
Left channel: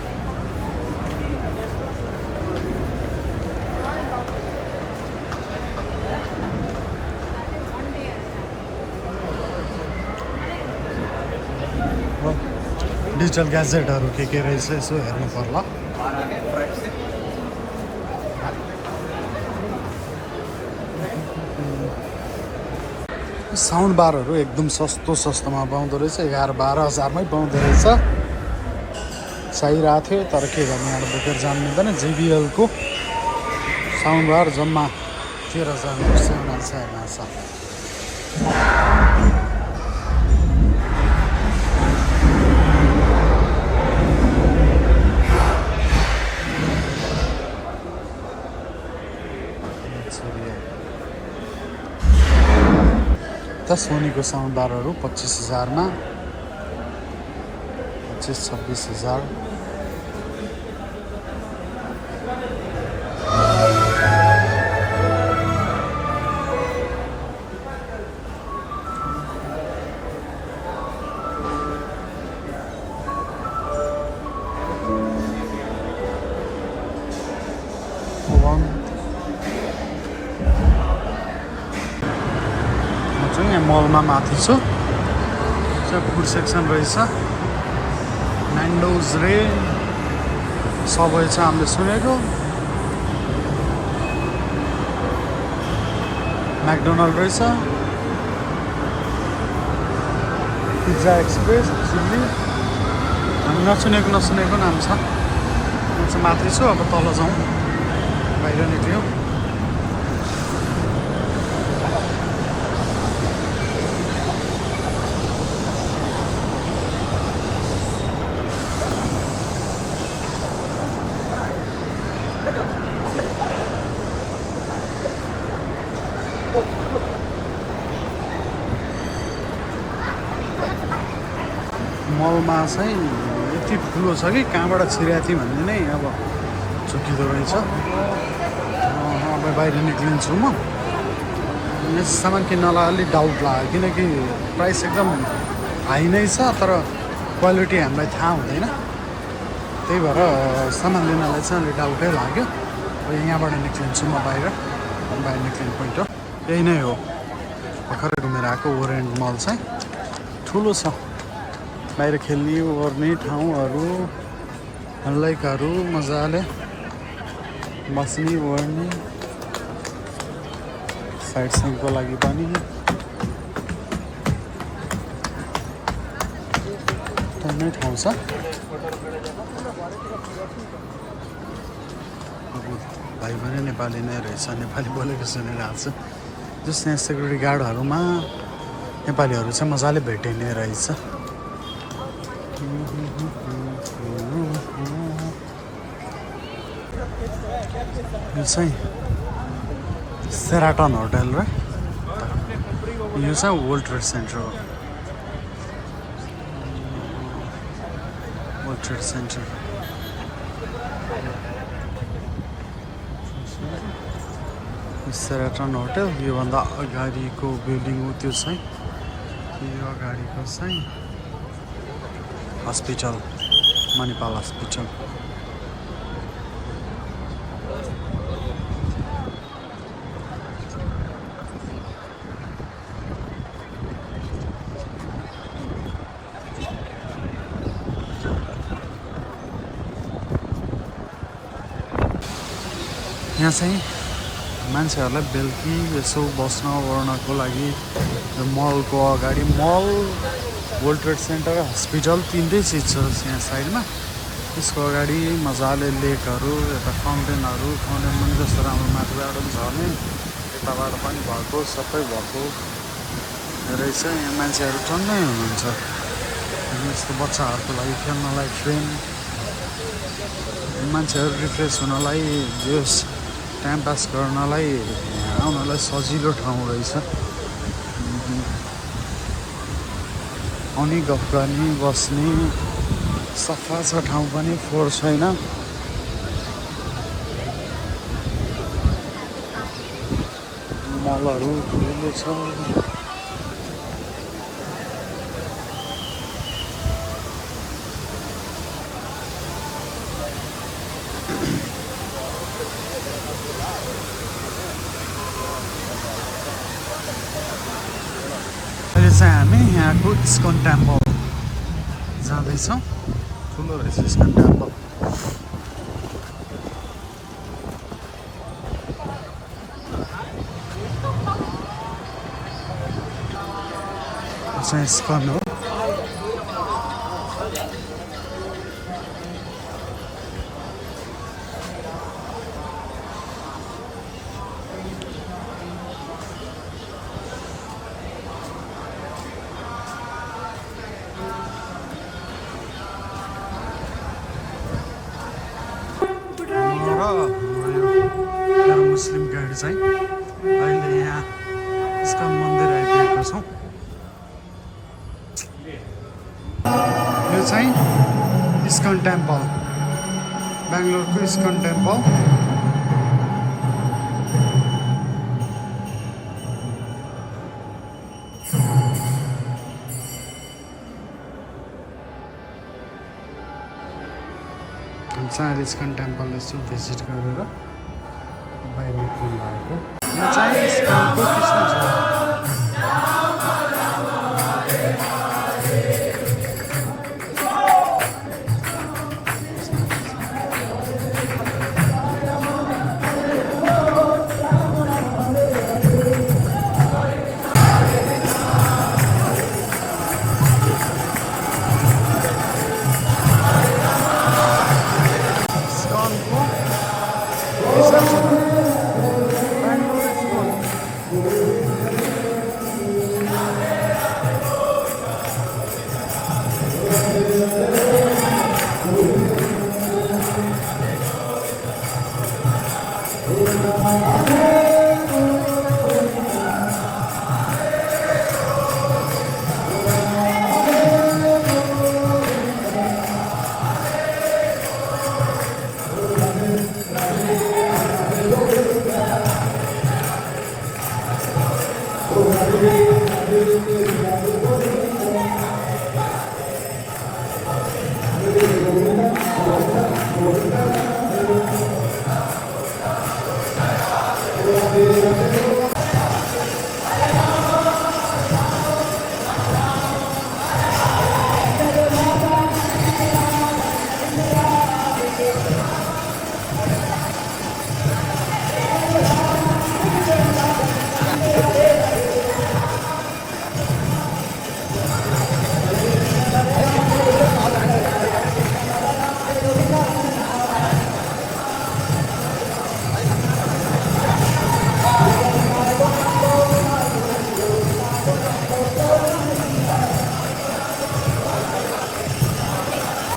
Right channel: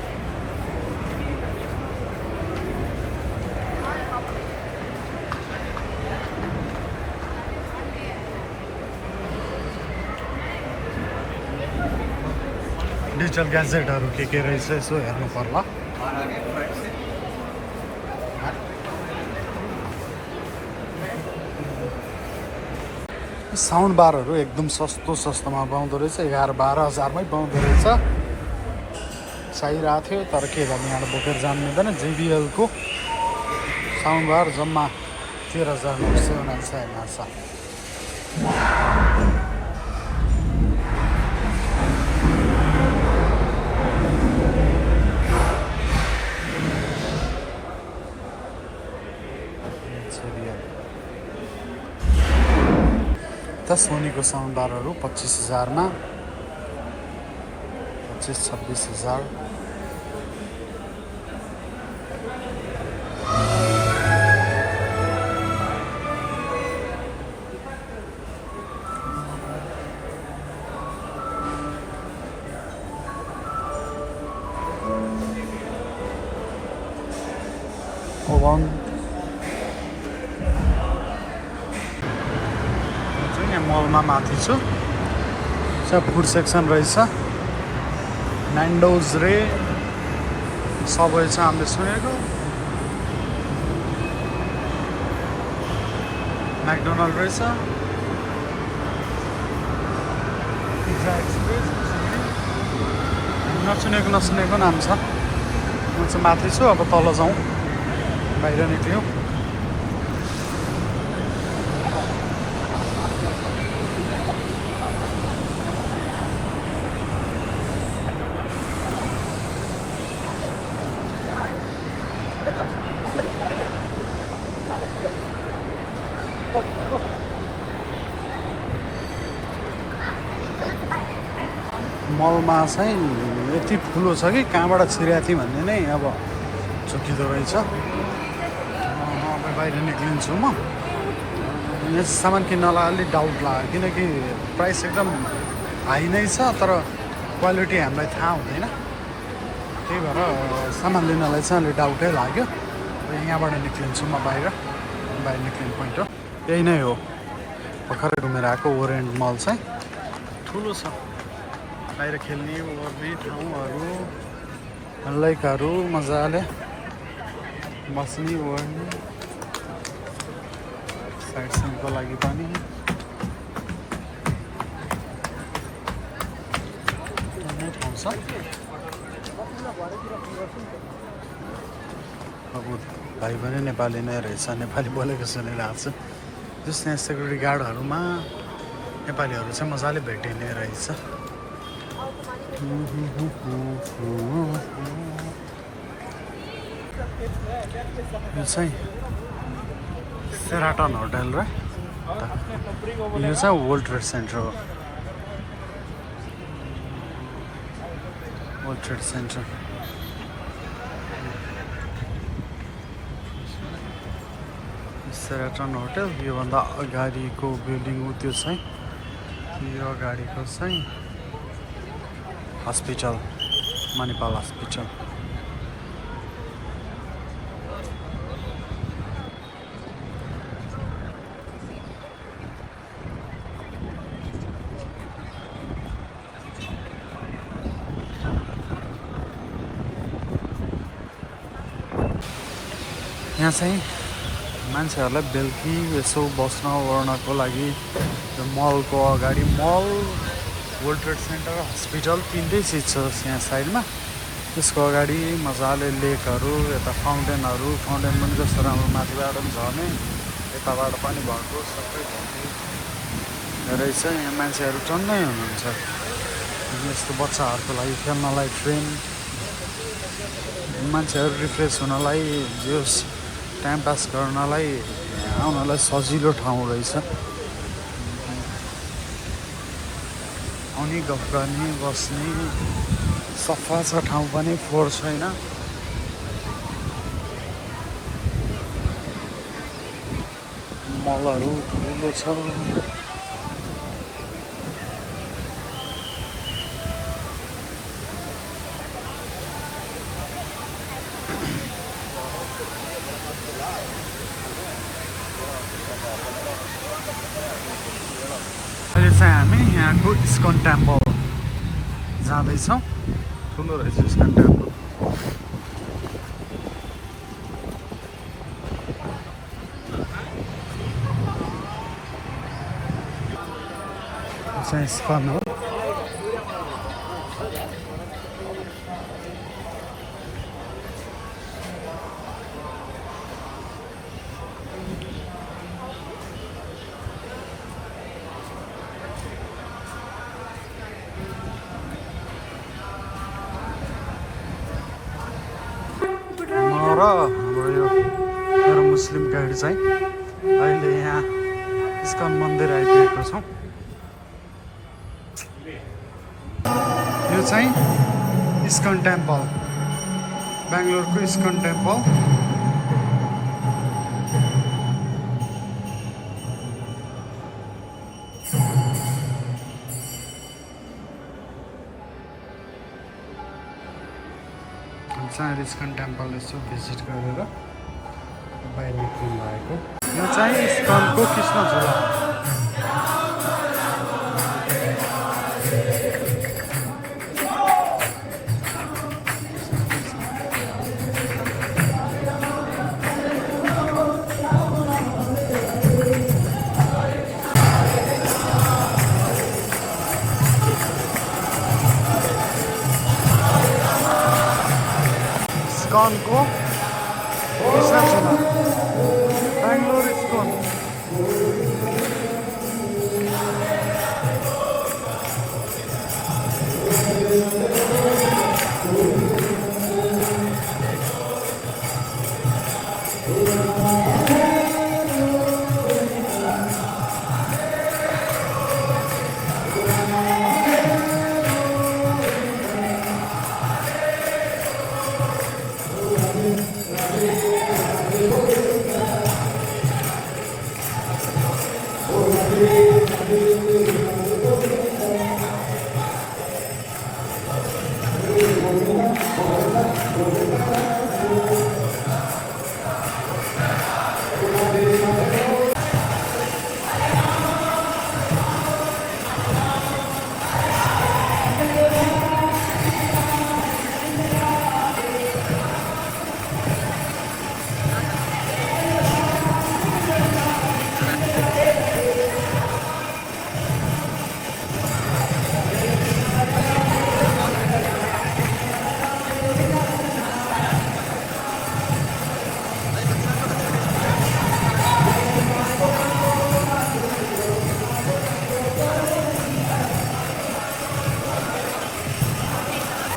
डिजिटल ग्याजेटहरू के रहेछ यसो हेर्नु पर्ला। साउन्ड बारहरू एकदम सस्तोमा पाउँदो रहेछ। 11-12 हजारमै पाउँदो रहेछ। चाहिरहेको थियो तर के गर्ने, यहाँ बोकेर जानु मिल्दैन। JBL-को साउन्ड बार जम्मा 13,979 छ। सोनीको साउन्ड बारहरू 25,000मा, 25-26 हजार। यहाँ मलमा माथि छु। फुड सेक्सन रहेछ। न्यान्डोज रे सबै छ हामीले सुनेको। म्याकडोनल्ड रहेछ। Pizza express, chilli. हामी नसुनेको नाम छ। म चाहिँ माथि छु, अब तल जाउँ। बाहिर निक्ल्यौँ। मलमा चाहिँ यति ठुलो छ कि कहाँबाट छिरेको थिएँ भन्ने नै अब चुकिँदो रहेछ। अब बाहिर निक्लिन्छु म। यस सामान किन्नलाई अलिक डाउट लाग्यो, किनकि प्राइस एकदम हाई नै छ तर क्वालिटी हामीलाई थाहा हुँदैन। त्यही भएर सामान लिनलाई चाहिँ अलिक डाउटै लाग्यो। अब यहाँबाट निक्लिन्छु म बाहिर निक्लिने पोइन्ट हो यही नै हो। भर्खरै घुमेर आएको ओरिएन्ट मल चाहिँ ठुलो छ। बाहिर खेल्ने ओर्ने ठाउँहरू, लाइकहरू, मजाले बस्ने ओर्ने, साइड सिनको लागि पनि टन्नै ठाउँ छ। अब भाइ पनि नेपाली नै रहेछ, नेपाली बोलेको सुनिरहेको छु। जस्तो यहाँ सेक्युरिटी गार्डहरूमा नेपालीहरू चाहिँ मजाले भेटिने रहेछ। यो चाहिँ सेराटन होटल र यो चाहिँ वर्ल्ड ट्रेड सेन्टर हो। वर्ल्ड ट्रेड सेन्टर सेराटन होटल योभन्दा अगाडिको बिल्डिङ हो त्यो चाहिँ यो अगाडिको चाहिँ हस्पिटल मणिपाल हस्पिटल यहाँ चाहिँ मान्छेहरूलाई बेलुकी यसो बस्न ओर्नको लागि यो मलको अगाडि मल वर्ल्ड ट्रेड सेन्टर हस्पिटल तिनटै चिज छ यहाँ साइडमा त्यसको अगाडि मजाले लेकहरू यता फाउन्टेनहरू फाउन्टेन पनि कस्तो राम्रो माथिबाट पनि झर्ने यताबाट पनि भएको सबै भएको रहेछ यहाँ मान्छेहरू टन्नै हुनुहुन्छ अनि यस्तो बच्चाहरूको लागि खेल्नलाई ट्रेन मान्छेहरू रिफ्रेस हुनलाई जस टाइम पास गर्नलाई आउनलाई सजिलो ठाउँ रहेछ आउने गफ गर्ने बस्ने सफा छ ठाउँ पनि फोहोर छैन मलहरू ठुलो छ अहिले चाहिँ हामी यहाँको इस्कन टेम्पल जाँदैछौँ ठुलो रहेछ इस्कन टेम्पल चाहिँ इस्कन हो हाम्रो यो मेरो मुस्लिम गाइड चाहिँ अहिले यहाँ इस्कन मन्दिर आइपुगेका छौँ यो चाहिँ इस्कन टेम्पल बेङ्गलोरको इस्कन टेम्पल चाहिँ इस्कन टेम्पल यसो भिजिट गरेर बाहिर निक्लिनु भएको यो चाहिँ इस्कनको कृष्ण झुला इस्कनको कृष्ण झुला बेङ्गलोर इस्कन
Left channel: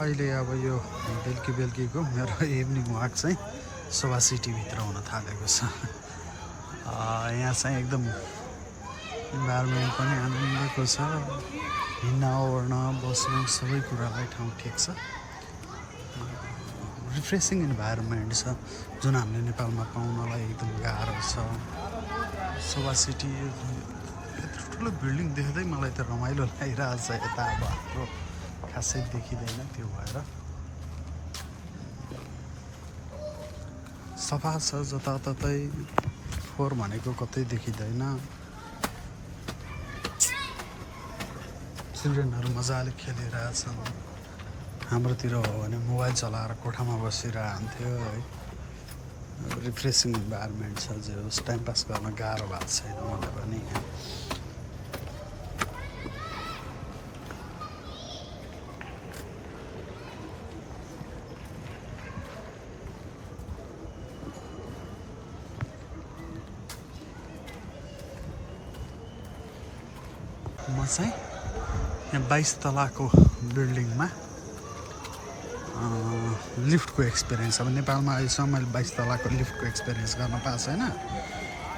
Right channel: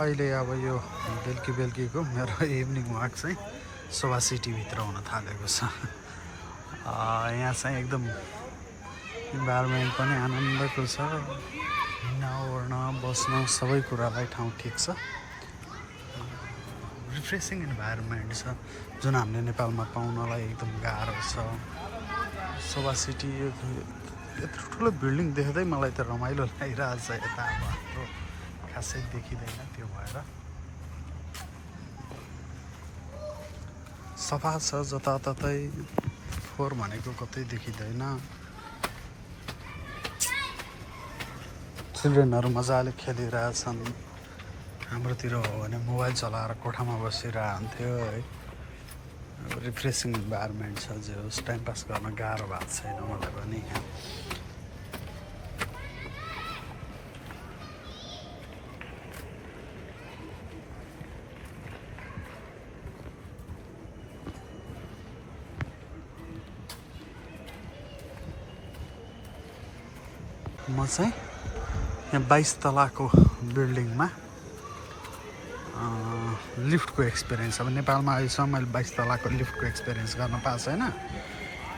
अहिले अब यो बेलुकीको मेरो इभिनिङ वाक चाहिँ सोभा सिटीभित्र हुन थालेको छ यहाँ चाहिँ एकदम इन्भाइरोमेन्ट पनि आनन्दको छ हिँड्न ओर्न बस्न सबै कुरालाई ठाउँ ठिक छ रिफ्रेसिङ इन्भाइरोमेन्ट छ जुन हामीले नेपालमा पाउनलाई एकदम गाह्रो छ। सोभा सिटी यत्रो ठुलो बिल्डिङ देख्दै मलाई त रमाइलो लागिरहेको छ। यता अब हाम्रो खासै देखिँदैन, त्यो भएर सफा छ जताततै, फोहोर भनेको कतै देखिँदैन। चिल्ड्रेनहरू मजाले खेलिरहेछन्। हाम्रोतिर हो भने मोबाइल चलाएर कोठामा बसिरहन्थ्यो है। रिफ्रेसिङ इन्भाइरोमेन्ट छ, जे होस् टाइम पास गर्न गाह्रो भएको छैन मलाई पनि यहाँ। म चाहिँ यहाँ 22 तलाको बिल्डिङमा लिफ्टको एक्सपिरियन्स, अब नेपालमा अहिलेसम्म मैले 22 तलाको लिफ्टको एक्सपिरियन्स गर्न पाएको छैन।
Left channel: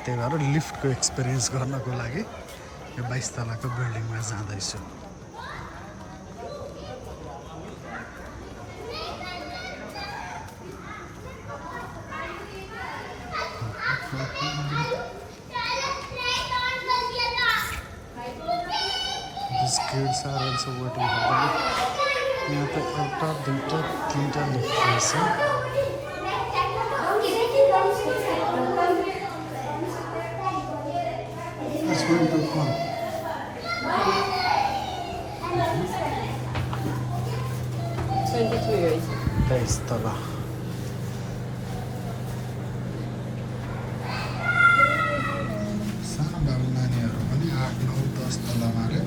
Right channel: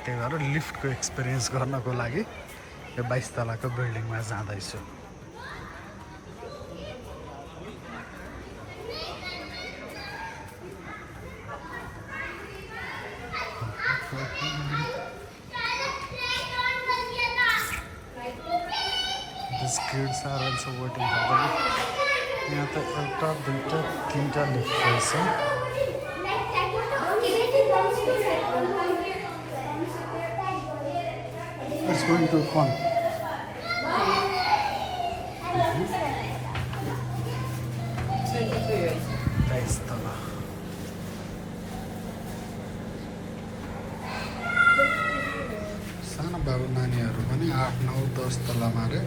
त्यही भएर लिफ्टको एक्सपिरियन्स गर्नको लागि यो 22 तलाको बिल्डिङमा जाँदैछु। These kids are also waiting for the lift. यहाँ पे एउटा दुईटा तीनटा लिफ्ट रहेछ। Let's go into one. 23 तला। सानो बाबु नानीहरू पनि 8, 9, 10 तलामा रे।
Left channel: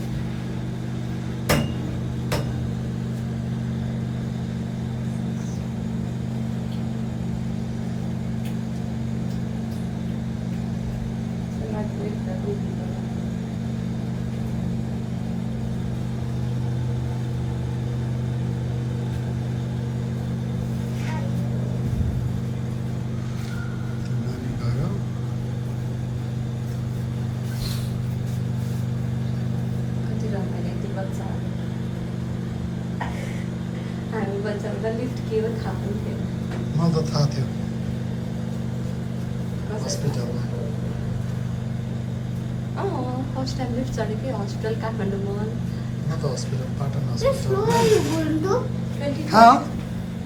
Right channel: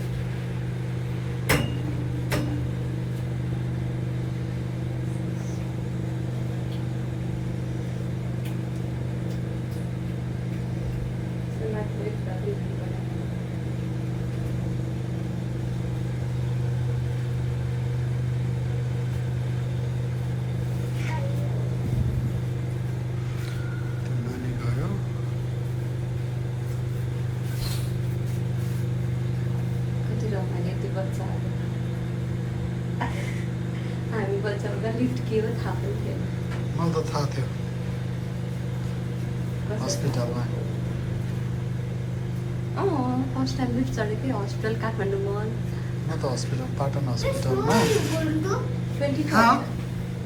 मलाई त थाहा थियो हस्पिटलमा। हस्पिटल लिफ्ट चल्यो कि हस्पिटल काठमाडौँमा। म त हस्पिटल पाटन हस्पिटलमा।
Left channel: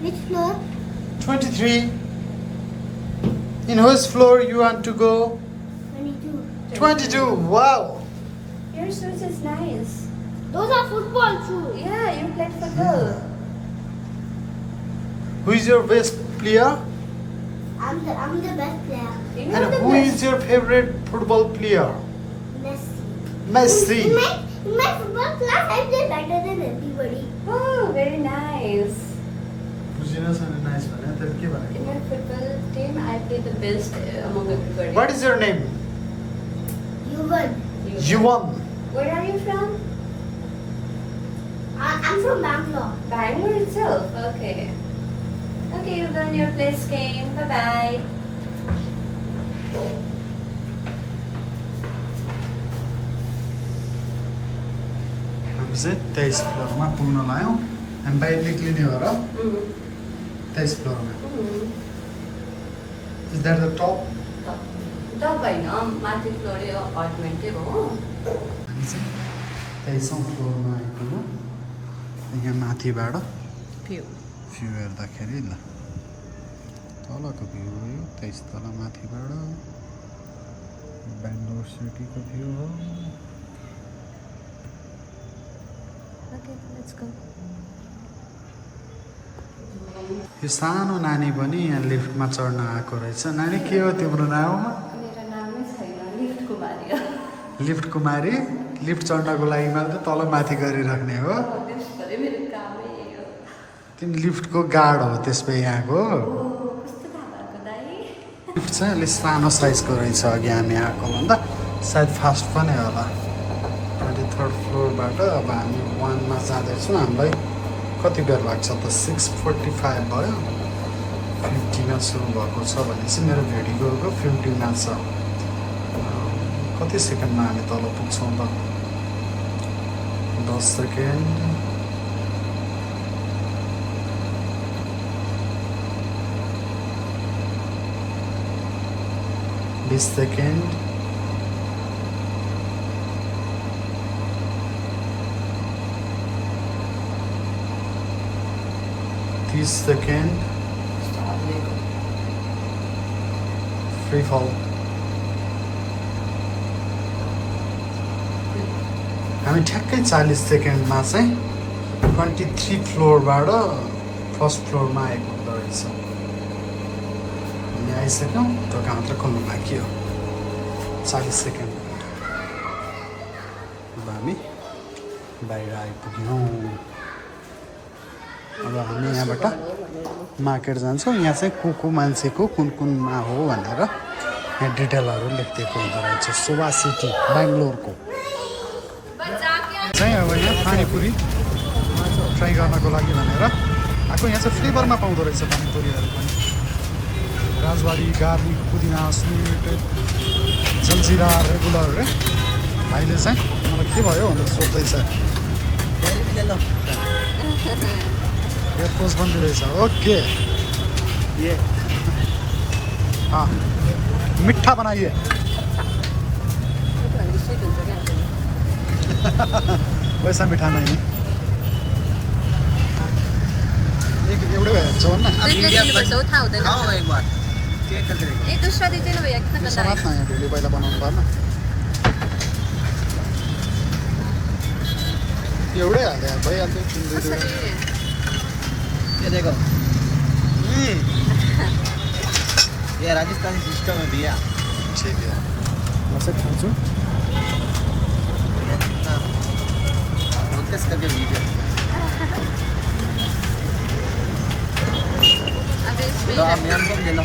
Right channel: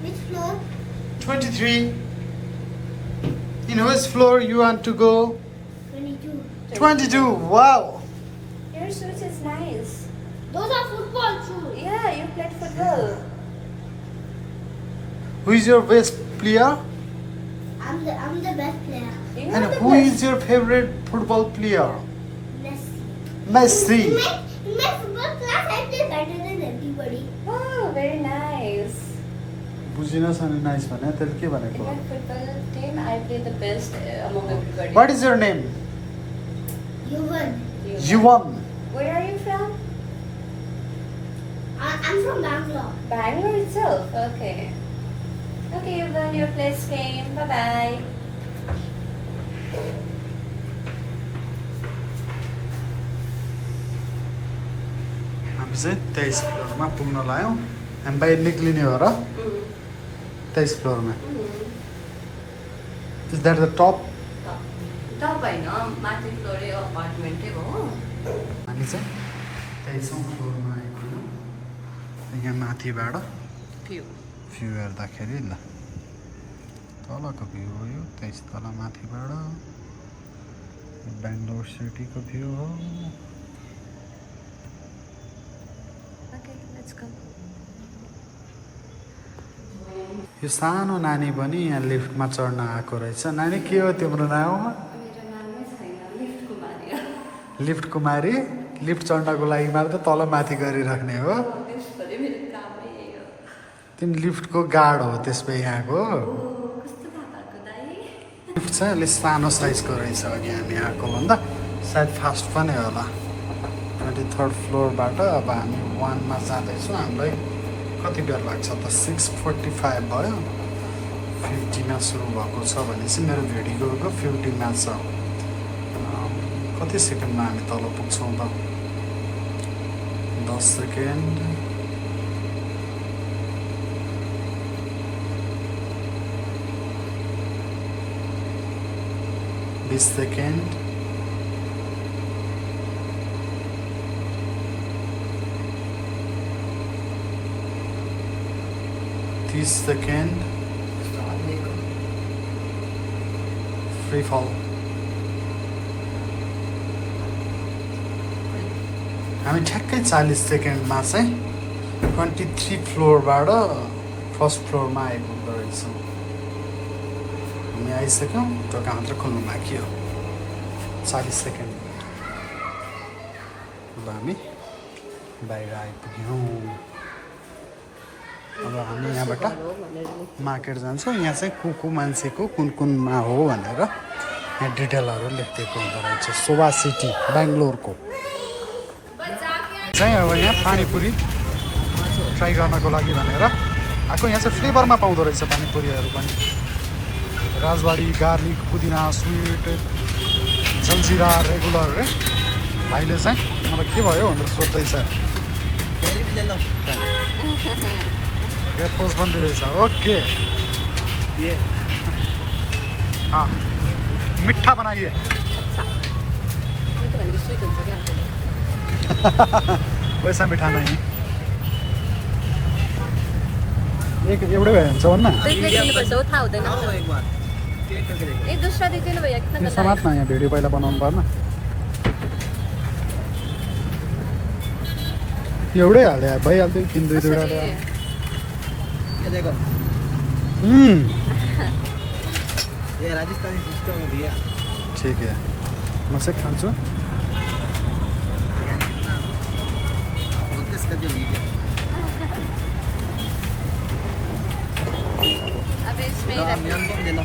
Which floor? 23. In whose floor you want to go? 22. 22. Wow. Your shoes is nice. Those are football shoes. Yeah, you played football. Who is your best player? I'm the best player. You know And the who best. is your favorite football player? Messi. Messi. In my football class, I play better than everybody. Oh, very nice. बुझिनस् अनि नाइस भने त्यसले के In भनेको? my football team, I play the best among everybody. What is your name? You won. You won. Where are you from? I'm from Bangalore. Bangalore itself. Okay. Okay, you've done your place game. Bye bye. हामी चाहिँ 23 फ्लोरमा पुग्न लाग्यौँ। हामी बाहिर निक्लिने हो र 23 फ्लोरमा। Is that the top? Top होइन माथि फ्लोरै अपार्टमेन्टै हो। हामी चाहिँ 23औँ फ्लोरमा आइपुग्यौँ। यहाँ माथिबाट भ्यू हेर्दाखेरि ल तलको भ्यू हो यो 23 तल माथिबाट बेङ्गलोर सिटीको भ्यू हो। Okay, let's go. यो सानो नानी पनि यहाँ लिफ्टमा चढ्न आएको रहेछ। नानी के हो तिम्रो नाम? मेरो नामै छैन, लिफ्ट कुमारी हो। लिफ्ट कुमारी। लिफ्ट चढ्नको लागि मात्र तल माथि गरिराख्ने हो। त्यसभरि मेरो कामै यही हो। तिमी लिफ्टको गार्ड हो त्यसपछि यहाँको। कस्तो थाहा भएको दाइ? लिफ्ट चाहिँ अलिक सानो साइजको रहेछ अघि हामी आएको भन्दा, सायद फास्ट पनि होला। 23rd फ्लोरबाट अब हामी 1मा जाँदैछौँ। हामीलाई कति बेर लाग्छ त? 6:45 भयो। 50मा सुरु भएको छ भनेपछि मेरो भिडियोको 50मा छ। कति सेकेन्डमा हामी तल पुग्छौँ त? 10 सेकेन्ड। 20 सेकेन्ड सेकेन्ड फ्री फल हामी ठ्याक्कै 40 सेकेन्डमा चाहिँ 23 फ्लोरबाट फर्स्ट फ्लोरमा आएको हुँदो रहेछौँ हामी आइसक्यौँ ढोका मात्र खोल्नु बाँकी हो 40 सेकेन्ड अब हामी बाहिर आइपुग्यौँ अब हामी यहाँबाट मार्केट जान्छौँ यहाँ चाहिँ को मान्छेको कुनमा हो भनेर यहाँ डिटेलहरू लेखिदिएको हुँदो रहेछ शोभा सिटी बेङ्गलोरको चाहिँ अब यहाँ पानीपुरी ट्राई गर्नको लागि भनेर आएको यहाँ चाहिँ फ्लेभरमा पाउँदो रहेछ पानीपुरीहरू पनि राजबाडी गार्लिक पुदिना स्विट जलजिरा रेगुलर रे भाइले चाहिँ मलाई के भयो भनेर सोध्दैछ एयरपोर्ट पनि दिँदैछ ओके ये मिठा बनाइए वैसा मिठा नहीं एउटै भन्छ ना आओ एक बार चेक कर दे दुसरा दीजिए ना भैया कितना बता समाज है यहाँ भिडियो पहिला बनाउनु पर्ने एउटै हाल्यो भइहाल्थ्यो 3 2 वटा ये देखो यी ये राजस्थानी सिस्टम है भैया ठीक है मुझसे खान्छु कितना फोकस करके वीडियो अबे तो आप मैम को ले लो